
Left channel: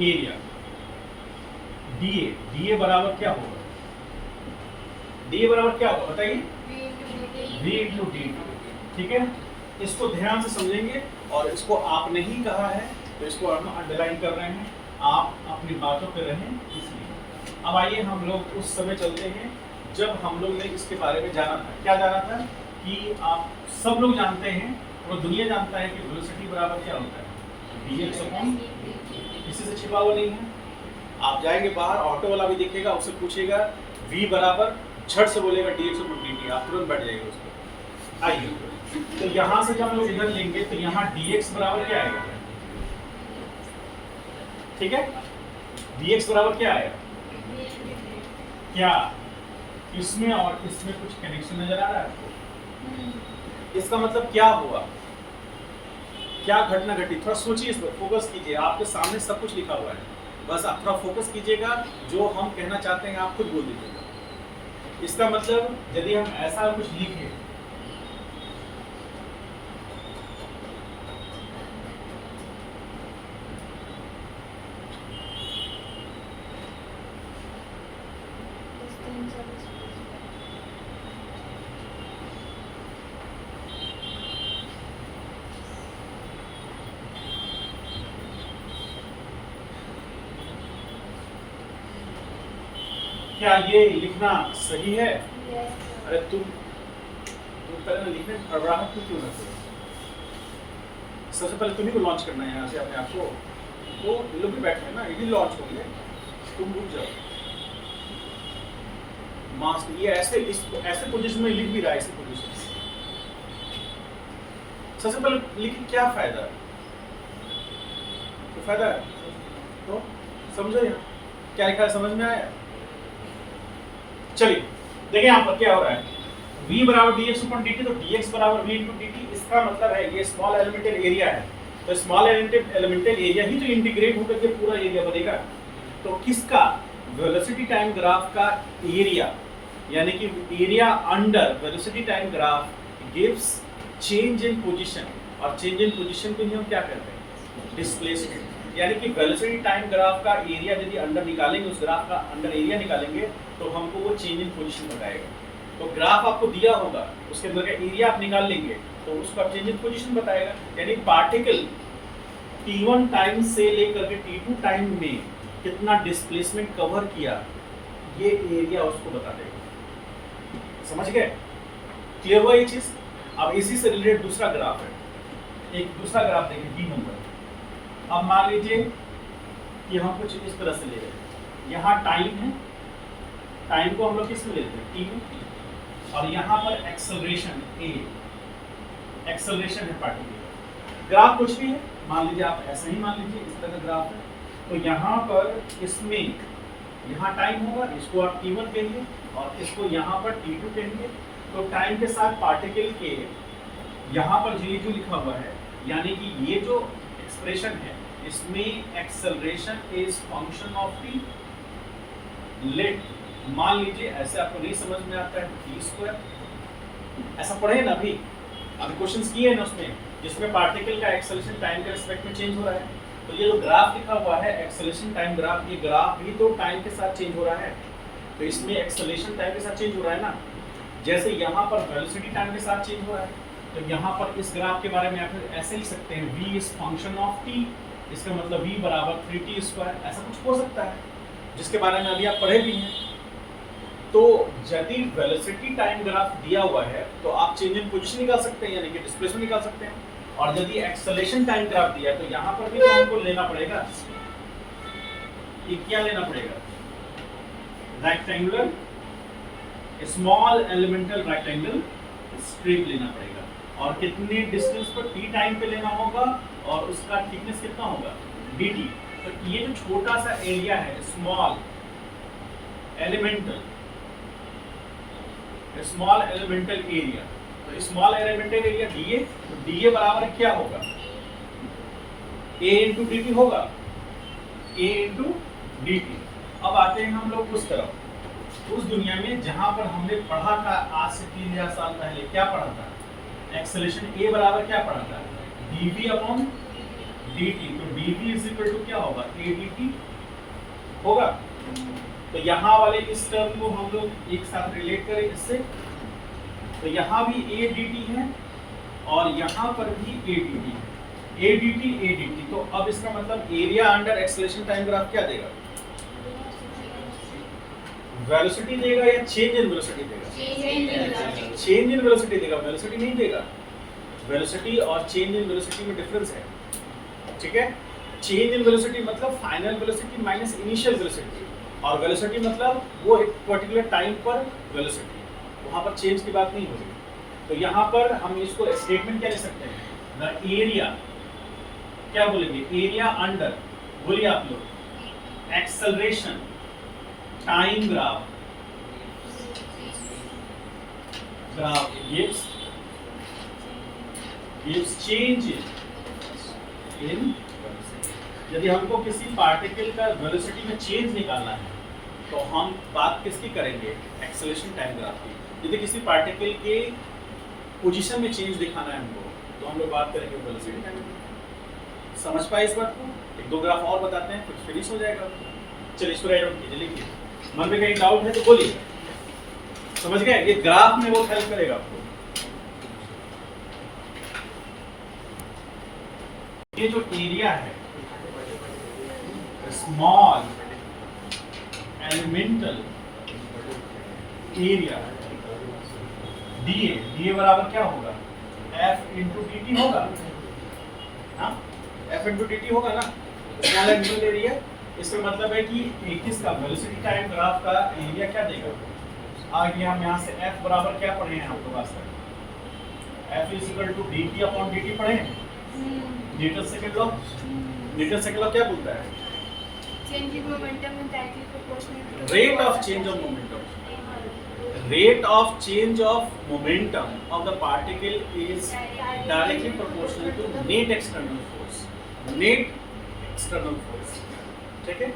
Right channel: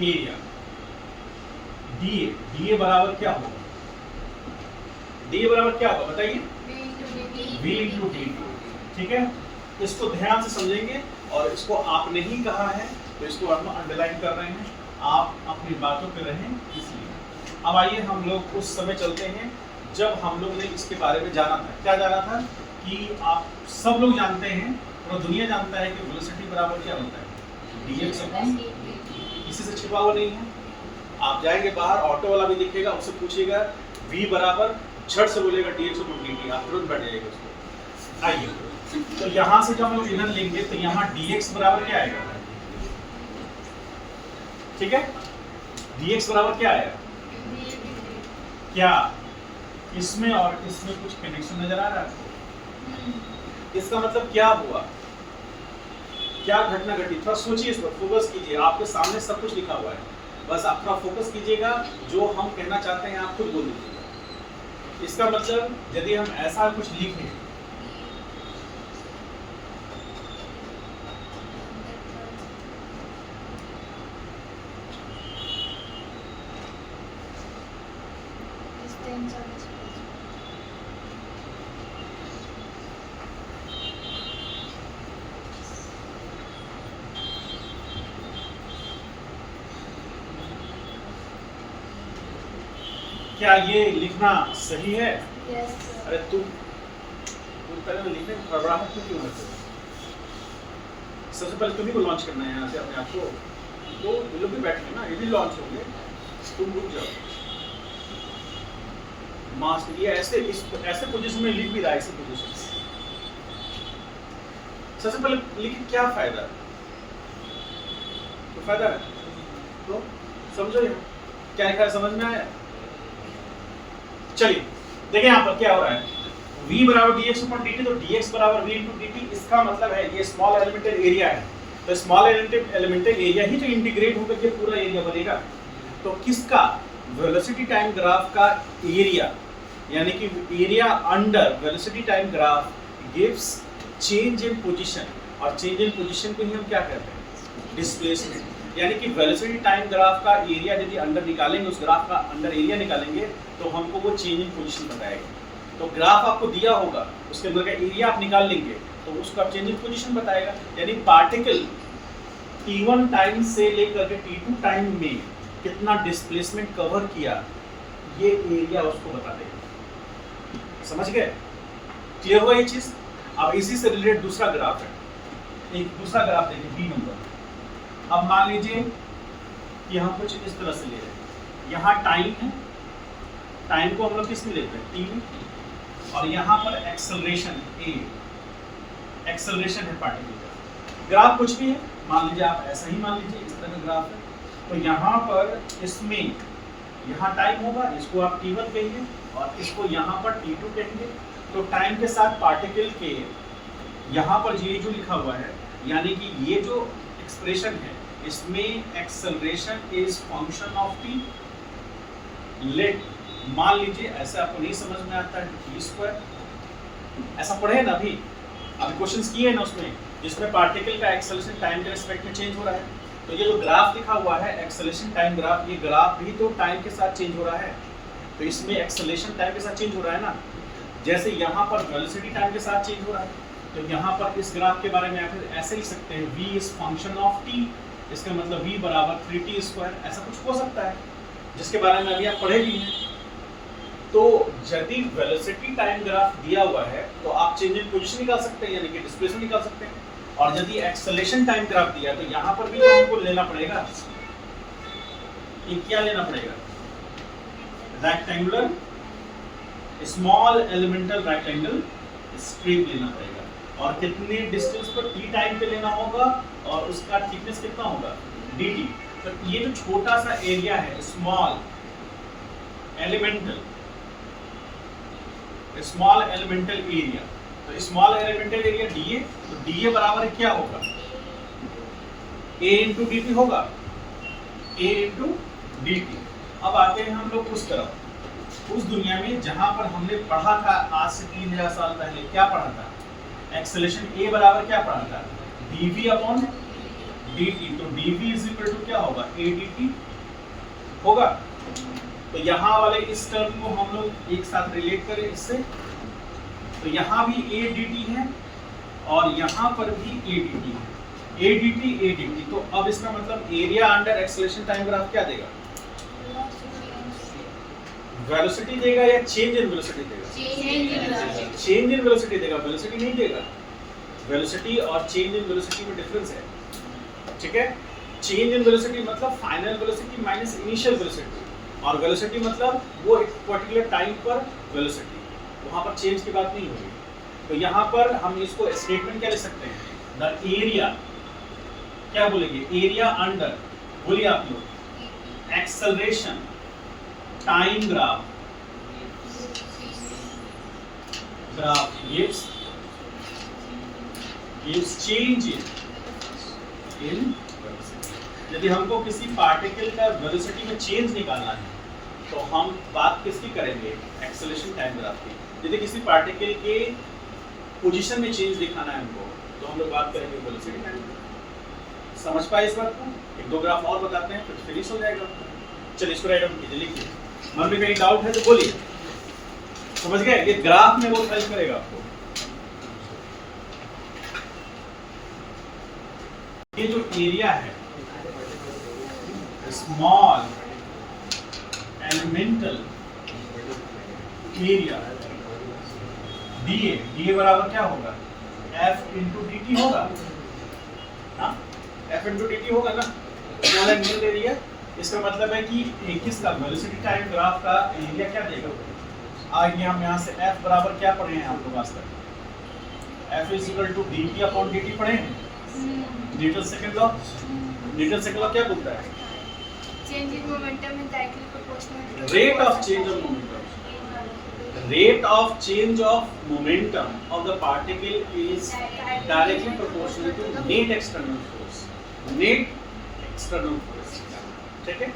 एरिया डीए बराबर क्या होगा? डीए बराबर क्या होगा बताइए? V into D T. ठीक है, इसको ध्यान से समझेंगे और इसको आपने ही कहा है तो इसको हम अंडरलाइन कर रहे हैं, आप अपनी बातों पे रहें इसलिए। अब आइए हम लोग उस समय चलते हैं जब हम लोग ने इसके बारे में जाना था। क्या जाना था कि आप सब लोग जानते हैं, पूरा दुनिया जानता है कि वेलोसिटी बराबर क्या होता है? dx अपॉन किसी से छिपा हुआ नहीं है। आप जाएंगे बाहर, ऑटो वाला भी दिखेगा, उससे पूछिएगा v बराबर, झट से बोलेगा dx अपॉन dt, आप तुरंत बैठ जाएंगे उसको। आइए तो यहाँ से जब हम लोग इधर लेंगे तो यहाँ dx बराबर क्या आएगा? ठीक है, dx बराबर क्या आएगा? क्या इसमें और इसमें कुछ कनेक्शन नजर आ रहा है आपको? इसका मतलब क्या हुआ, क्या घटना घटी? थोड़ा सोचिए, इस पर फोकस कीजिए। आपके सामने सब कुछ लिखा हुआ है, बस आप थोड़ा फोकस कीजिएगा। जो हम कहना चाहते हैं आप खुद बोल दीजिएगा। इसका मतलब यदि हम ऐसा कुछ लिखें, क्या ये लिखना सही है? अरे तुम पहले तो लिखने में घबराहट क्यों होती है? सबसे पहले तुम्ही को लॉन्च करना है यहाँ से अपने आप को, तो ये लोग भी बैठे हैं ना, ये भी लॉन्च होंगे, तुम रुक जाओ। मास्क ये ऐसे पोजीशन में लिख भी रहा है, ऐसे पोजीशन में। सबसे पहले लिख क्या फायदा है? तो फायदा है तो समझो क्या लिखा है, समझ में आया? चलिए देखिए यहाँ पर क्या हो रहा है, v बराबर dx अपॉन dt, तो dx बराबर v इंटू dt। इसका मतलब है ये स्मॉल एलिमेंटल एरिया है, तो स्मॉल एलिमेंटल एरिया ही तो इंटीग्रेट होकर के पूरा एरिया बनेगा। तो किसका? वेलोसिटी टाइम ग्राफ का एरिया, यानी कि area under velocity time graph gives change in position, और चेंज इन पोजीशन को ही हम क्या कहते हैं? डिस्प्लेसमेंट। यानी कि वेलोसिटी टाइम ग्राफ का एरिया यदि अंडर निकालेंगे, उस ग्राफ का अंडर एरिया निकालेंगे तो हमको वो चेंज इन पोजीशन बताएगा। तो ग्राफ आपको दिया होगा, उसके अंदर का एरिया आप निकाल लेंगे तो उसका चेंज इन पोजीशन बताएगा। यानी पार्टिकल t1 टाइम से लेकर के t2 टाइम में कितना डिस्प्लेसमेंट कवर किया, ये एरिया उसको बता देगा। समझ गए? क्लियर हुआ ये चीज? अब इसी से रिलेटेड दूसरा ग्राफ है, एक दूसरा ग्राफ देखिए बी नंबर। अब मान लीजिए कि हम कुछ इस तरह से ले रहे हैं, यहाँ टाइम है, टाइम को हम लोग किस में लेते हैं? टी में, और यहाँ पर एक्सेलरेशन ए, एक्सेलरेशन है पार्टिकल। ग्राफ कुछ भी है, मान लीजिए आप ऐसा ही मान लीजिए, इस तरह ग्राफ है। तो यहाँ पर इसमें यहाँ टाइम होगा, इसको आप t1 कहेंगे और इसको यहाँ पर t2 कहेंगे। तो टाइम के साथ पार्टिकल के यहाँ पर जो लिखा हुआ है, यानी कि ये जो एक्सप्रेशन है इसमें acceleration is function of T. Let मान लीजिए ऐसे आपको नहीं समझ में आता है टी स्क्वायर, ऐसा पढ़े ना अभी क्वेश्चंस किए ना उसमें, जिसमें पार्टिकल का एक्सेलरेशन टाइम के रिस्पेक्ट में चेंज हो रहा है। तो ये जो ग्राफ लिखा हुआ है एक्सेलरेशन टाइम ग्राफ, ये ग्राफ भी तो टाइम के साथ चेंज हो रहा है। तो इसमें एक्सेलरेशन टाइम के साथ चेंज हो रहा है ना, जैसे यहाँ पर वेलोसिटी टाइम के साथ चेंज हो रहा है। तो यहाँ पर इस ग्राफ के बारे में आप ऐसे लिख सकते हैं, v is function of t, इसका मतलब v बराबर 3t स्क्वायर, ऐसा कुछ हो सकता है, जिसके बारे में अभी आप पढ़े भी हैं। तो यदि वेलोसिटी टाइम ग्राफ दिया हुआ है तो आप चेंज इन पोजीशन निकाल सकते हैं, यानी कि डिस्प्लेसमेंट निकाल सकते हैं। और यदि एक्सेलरेशन टाइम ग्राफ दिया है तो यहाँ पर भी तो हमको लेना पड़ेगा, ये क्या लेना पड़ेगा? Rectangular small elemental rectangle strip लेना पड़ेगा, और कितने डिस्टेंस पर t टाइम पे लेना होगा, और उसका थिकनेस कितना होगा? dt। तो ये जो छोटा सा एरिया है स्मॉल एलिमेंटल एरिया, तो स्मॉल एलिमेंटल एरिया dA, तो dA बराबर क्या होगा? a इंटू dt होगा, a इंटू dt। अब आते हैं हम लोग उस तरफ, उस दुनिया में जहां पर हमने पढ़ा था आज से 3000 साल पहले। क्या पढ़ा था? एक्सेलरेशन ए बराबर क्या पढ़ा था, dv अपॉन dt, तो dv इज इक्वल टू क्या होगा, a dt होगा। तो यहाँ वाले इस टर्म को हम लोग एक साथ रिलेट करें इससे, तो यहाँ भी a dt है और यहाँ पर भी a dt है, a dt। तो अब इसका मतलब area under acceleration time graph क्या देगा, वेलोसिटी देगा या चेंज इन वेलोसिटी देगा, चेंज इन वेलोसिटी देगा, वेलोसिटी नहीं देगा। वेलोसिटी और चेंज इन वेलोसिटी में डिफरेंस है, ठीक है। चेंज इन वेलोसिटी मतलब final velocity minus initial velocity, और वेलोसिटी मतलब वो एक पर्टिकुलर टाइम पर वेलोसिटी, वहां पर चेंज की बात नहीं हो रही। तो यहाँ पर हम इसको स्टेटमेंट क्या ले सकते हैं, द एरिया, क्या बोलेंगे, एरिया अंडर, बोलिए आप लोग, acceleration time graph gives change in यदि हमको किसी पार्टिकल का वेलोसिटी में चेंज निकालना है तो हम बात किसकी करेंगे, एक्सेलरेशन टाइम ग्राफ की। यदि किसी पार्टिकल के पोजीशन में चेंज दिखाना है हमको तो हम लोग बात करेंगे वेलोसिटी टाइम ग्राफ। समझ पाए इस बात को, एक दो ग्राफ और बताते हैं फिर फिनिश हो जाएगा। चलिए इसको राइट डाउन कीजिए, लिखिए। मन में कहीं डाउट है तो बोलिए, समझ गए, ये ग्राफ में वो हेल्प करेगा आपको। ये जो एरिया है, स्मॉल एलिमेंटल एरिया, डीए बराबर क्या होगा, एफ इंटू डी टी होगा, हाँ एफ इंटू डी टी होगा ना, स्मॉल एलिमेंटल एरिया। इसका मतलब है कि किसका, वेलोसिटी टाइम ग्राफ का एरिया क्या देगा। आगे हम यहाँ से f बराबर क्या पढ़े हैं आप लोग आज तक, f is equal to dt upon dt पढ़े हैं, Newton second law. Newton second law क्या बोलता है, change in momentum is directly proportional rate of change of momentum, rate of change of momentum of the particle is directly proportional to net external force, net external force, ठीक है।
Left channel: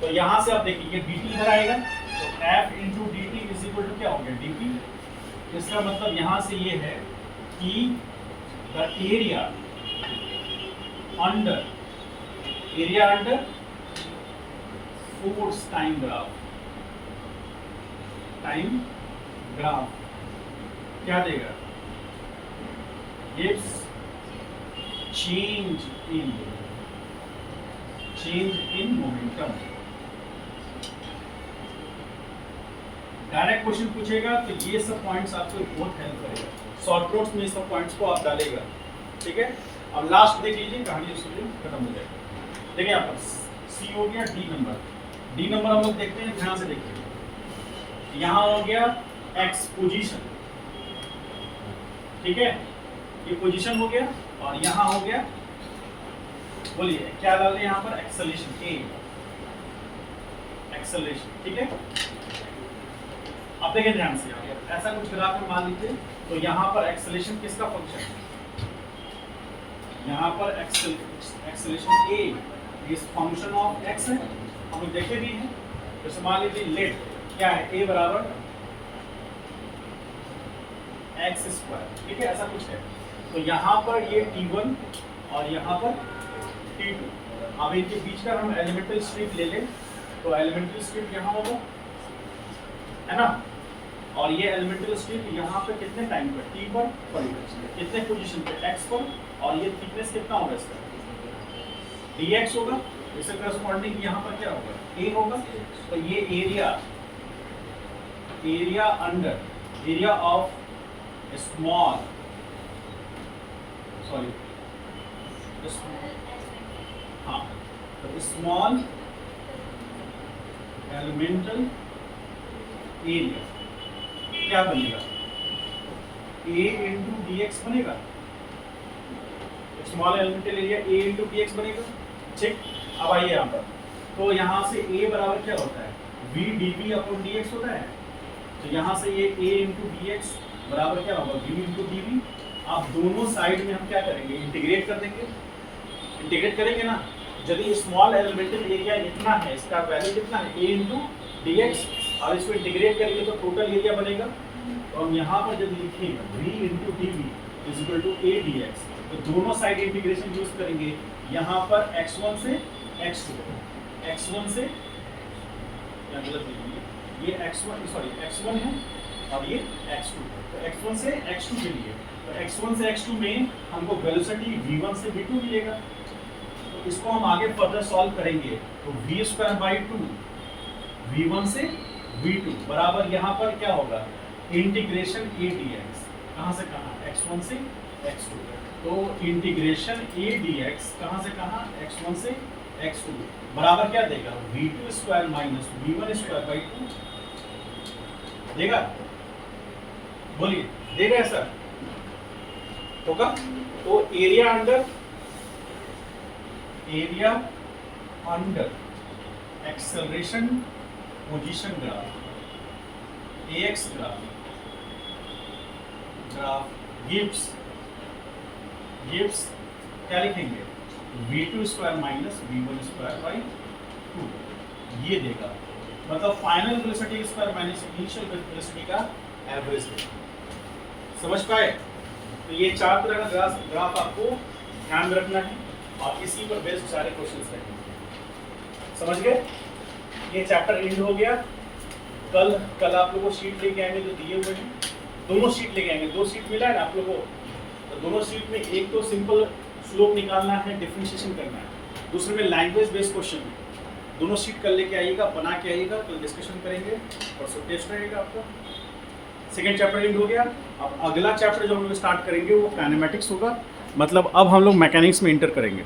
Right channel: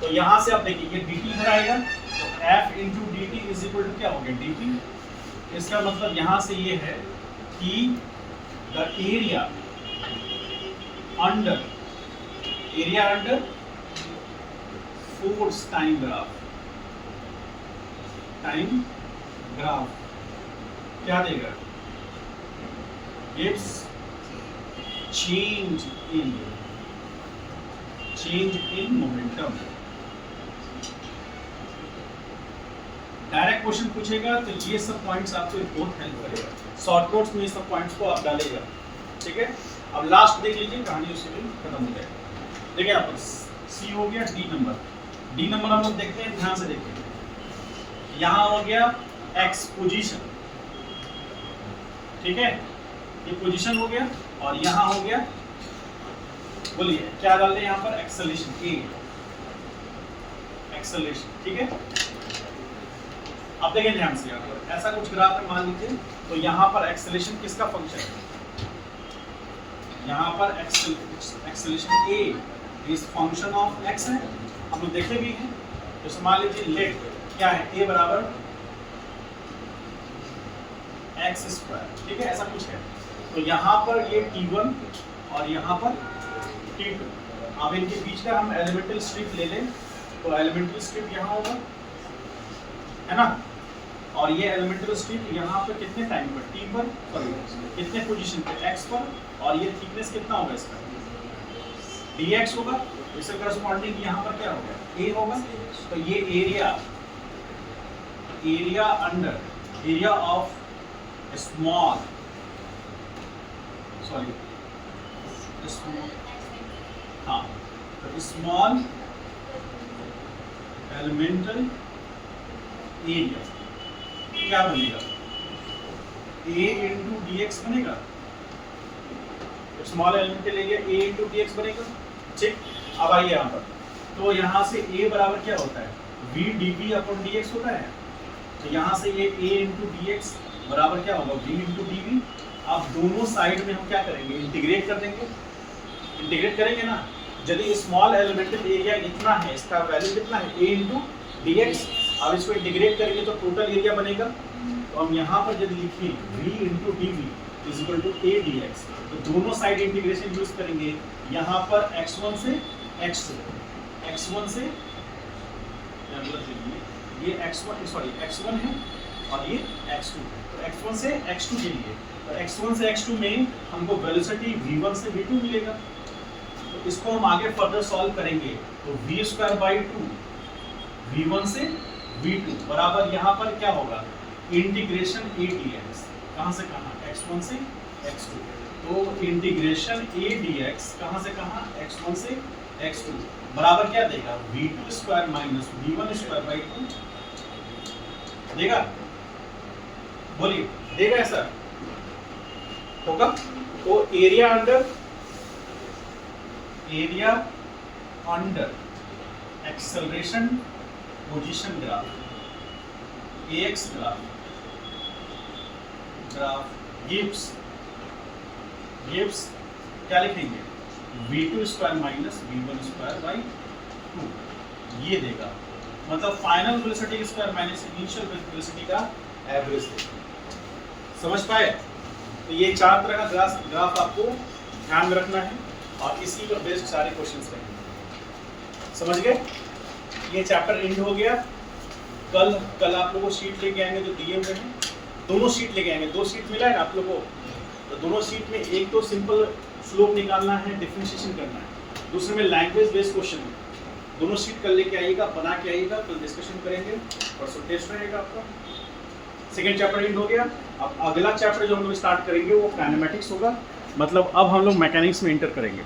तो यहाँ से आप देखिए ये dt इधर आएगा तो f into D T is equal to क्या हो गया, dt। इसका मतलब यहाँ से ये है कि the area under force time graph क्या देगा, gives change in momentum। Direct question पूछेगा तो ये सब पॉइंट्स आपको बहुत हेल्प करेगा, शॉर्ट नोट्स में ये सब पॉइंट्स को आप डालेगा, ठीक है। अब लास्ट देख लीजिए, कहानी उसके लिए खत्म हो जाएगा। देखिए यहाँ पर सी हो गया, डी नंबर हम लोग देखते हैं, ध्यान से देखिए। यहाँ हो गया एक्स पोजीशन, ठीक है, ये पोजीशन हो गया, और यहाँ हो गया, बोलिए क्या डाल दें यहाँ पर, एक्सेलरेशन ए, एक्सेलरेशन, ठीक है। अब देखिए ध्यान से, यहाँ पर ऐसा कुछ ग्राफ में मान लीजिए, तो यहाँ पर एक्सेलरेशन किसका फंक्शन है, यहाँ पर acceleration A is function of x है, हम लोग देखे भी हैं। तो मान लीजिए लेट क्या है, ए बराबर एक्स स्क्वायर, ठीक है, ऐसा कुछ है। तो यहाँ पर ये T1 और यहाँ पर T2, अब इनके बीच का हम एलिमेंटल स्ट्रिप ले लें तो एलिमेंटल स्ट्रिप यहाँ होगा, है ना, और ये एलिमेंटल स्ट्रिप यहाँ पे कितने टाइम पर, T पर, कितने पोजीशन पे, x पर, और ये थिकनेस कितना होगा इसका, dx होगा। इससे करस्पॉन्डिंग यहाँ पर क्या होगा, a होगा। तो ये area under, area of small, हाँ, तो स्मॉल एलिमेंटल एरिया क्या बनेगा, a इंटू डी एक्स बनेगा, small elemental area a into D x बनेगा, ठीक। अब आइए यहाँ पर, तो यहाँ से a बराबर क्या होता है, v dv अपॉन dx होता है। तो यहाँ से ये a इंटू डी एक्स बराबर क्या होगा, v इंटू dv। अब दोनों साइड में हम क्या करेंगे, इंटीग्रेट कर देंगे, इंटीग्रेट करेंगे ना। यदि स्मॉल एलिमेंटल एरिया इतना है, इसका वैल्यू कितना है, a इंटू डी एक्स। अब इसको इंटीग्रेट करेंगे तो टोटल एरिया बनेगा। तो हम यहाँ पर यदि लिखें v into D V, is equal to A D X. तो दोनों साइड इंटीग्रेशन यूज करेंगे। यहाँ पर x1 से x2, x1 से ये x1 है और ये x2 है। तो x1 से x2 के लिए, तो x1 से x2 में हमको वेलोसिटी v1 से v2 मिलेगा। तो इसको हम आगे फर्दर सॉल्व करेंगे। तो v²/2 v1 से v2 बराबर यहाँ पर क्या होगा, इंटीग्रेशन a dx। कहाँ से कहाँ, x1 से x2। तो इंटीग्रेशन a dx कहाँ से कहाँ, x1 से x2 बराबर क्या देगा, v2² माइनस v1²/2 देगा। बोलिए, देगा ऐसा होगा। तो area under acceleration position graph, ax graph gives क्या लिखेंगे, v2² माइनस v1²/2 ये देगा। मतलब final velocity square minus initial velocity का एवरेज देगा। समझ पाए? तो ये 4 तरह का ग्राफ आपको ध्यान में रखना है और इसी पर बेस्ड सारे क्वेश्चंस रहेंगे। समझ गए? ये चैप्टर एंड हो गया। कल आप लोगों को शीट लेके आएंगे जो दिए हुए हैं, दोनों शीट लेके आएंगे। 2 शीट मिला है ना आप लोगों को, तो दोनों शीट में एक तो सिंपल स्लोप निकालना है, डिफरेंशिएशन करना है, दूसरे में लैंग्वेज बेस्ड क्वेश्चन है। दोनों शीट कल लेके आइएगा, बना के आइएगा, कल डिस्कशन करेंगे और सो टेस्ट रहेगा आपका। सेकेंड चैप्टर एंड हो गया। अब अगला चैप्टर जो हम लोग स्टार्ट करेंगे वो काइनेमेटिक्स होगा। मतलब अब हम लोग मैकेनिक्स में इंटर करेंगे।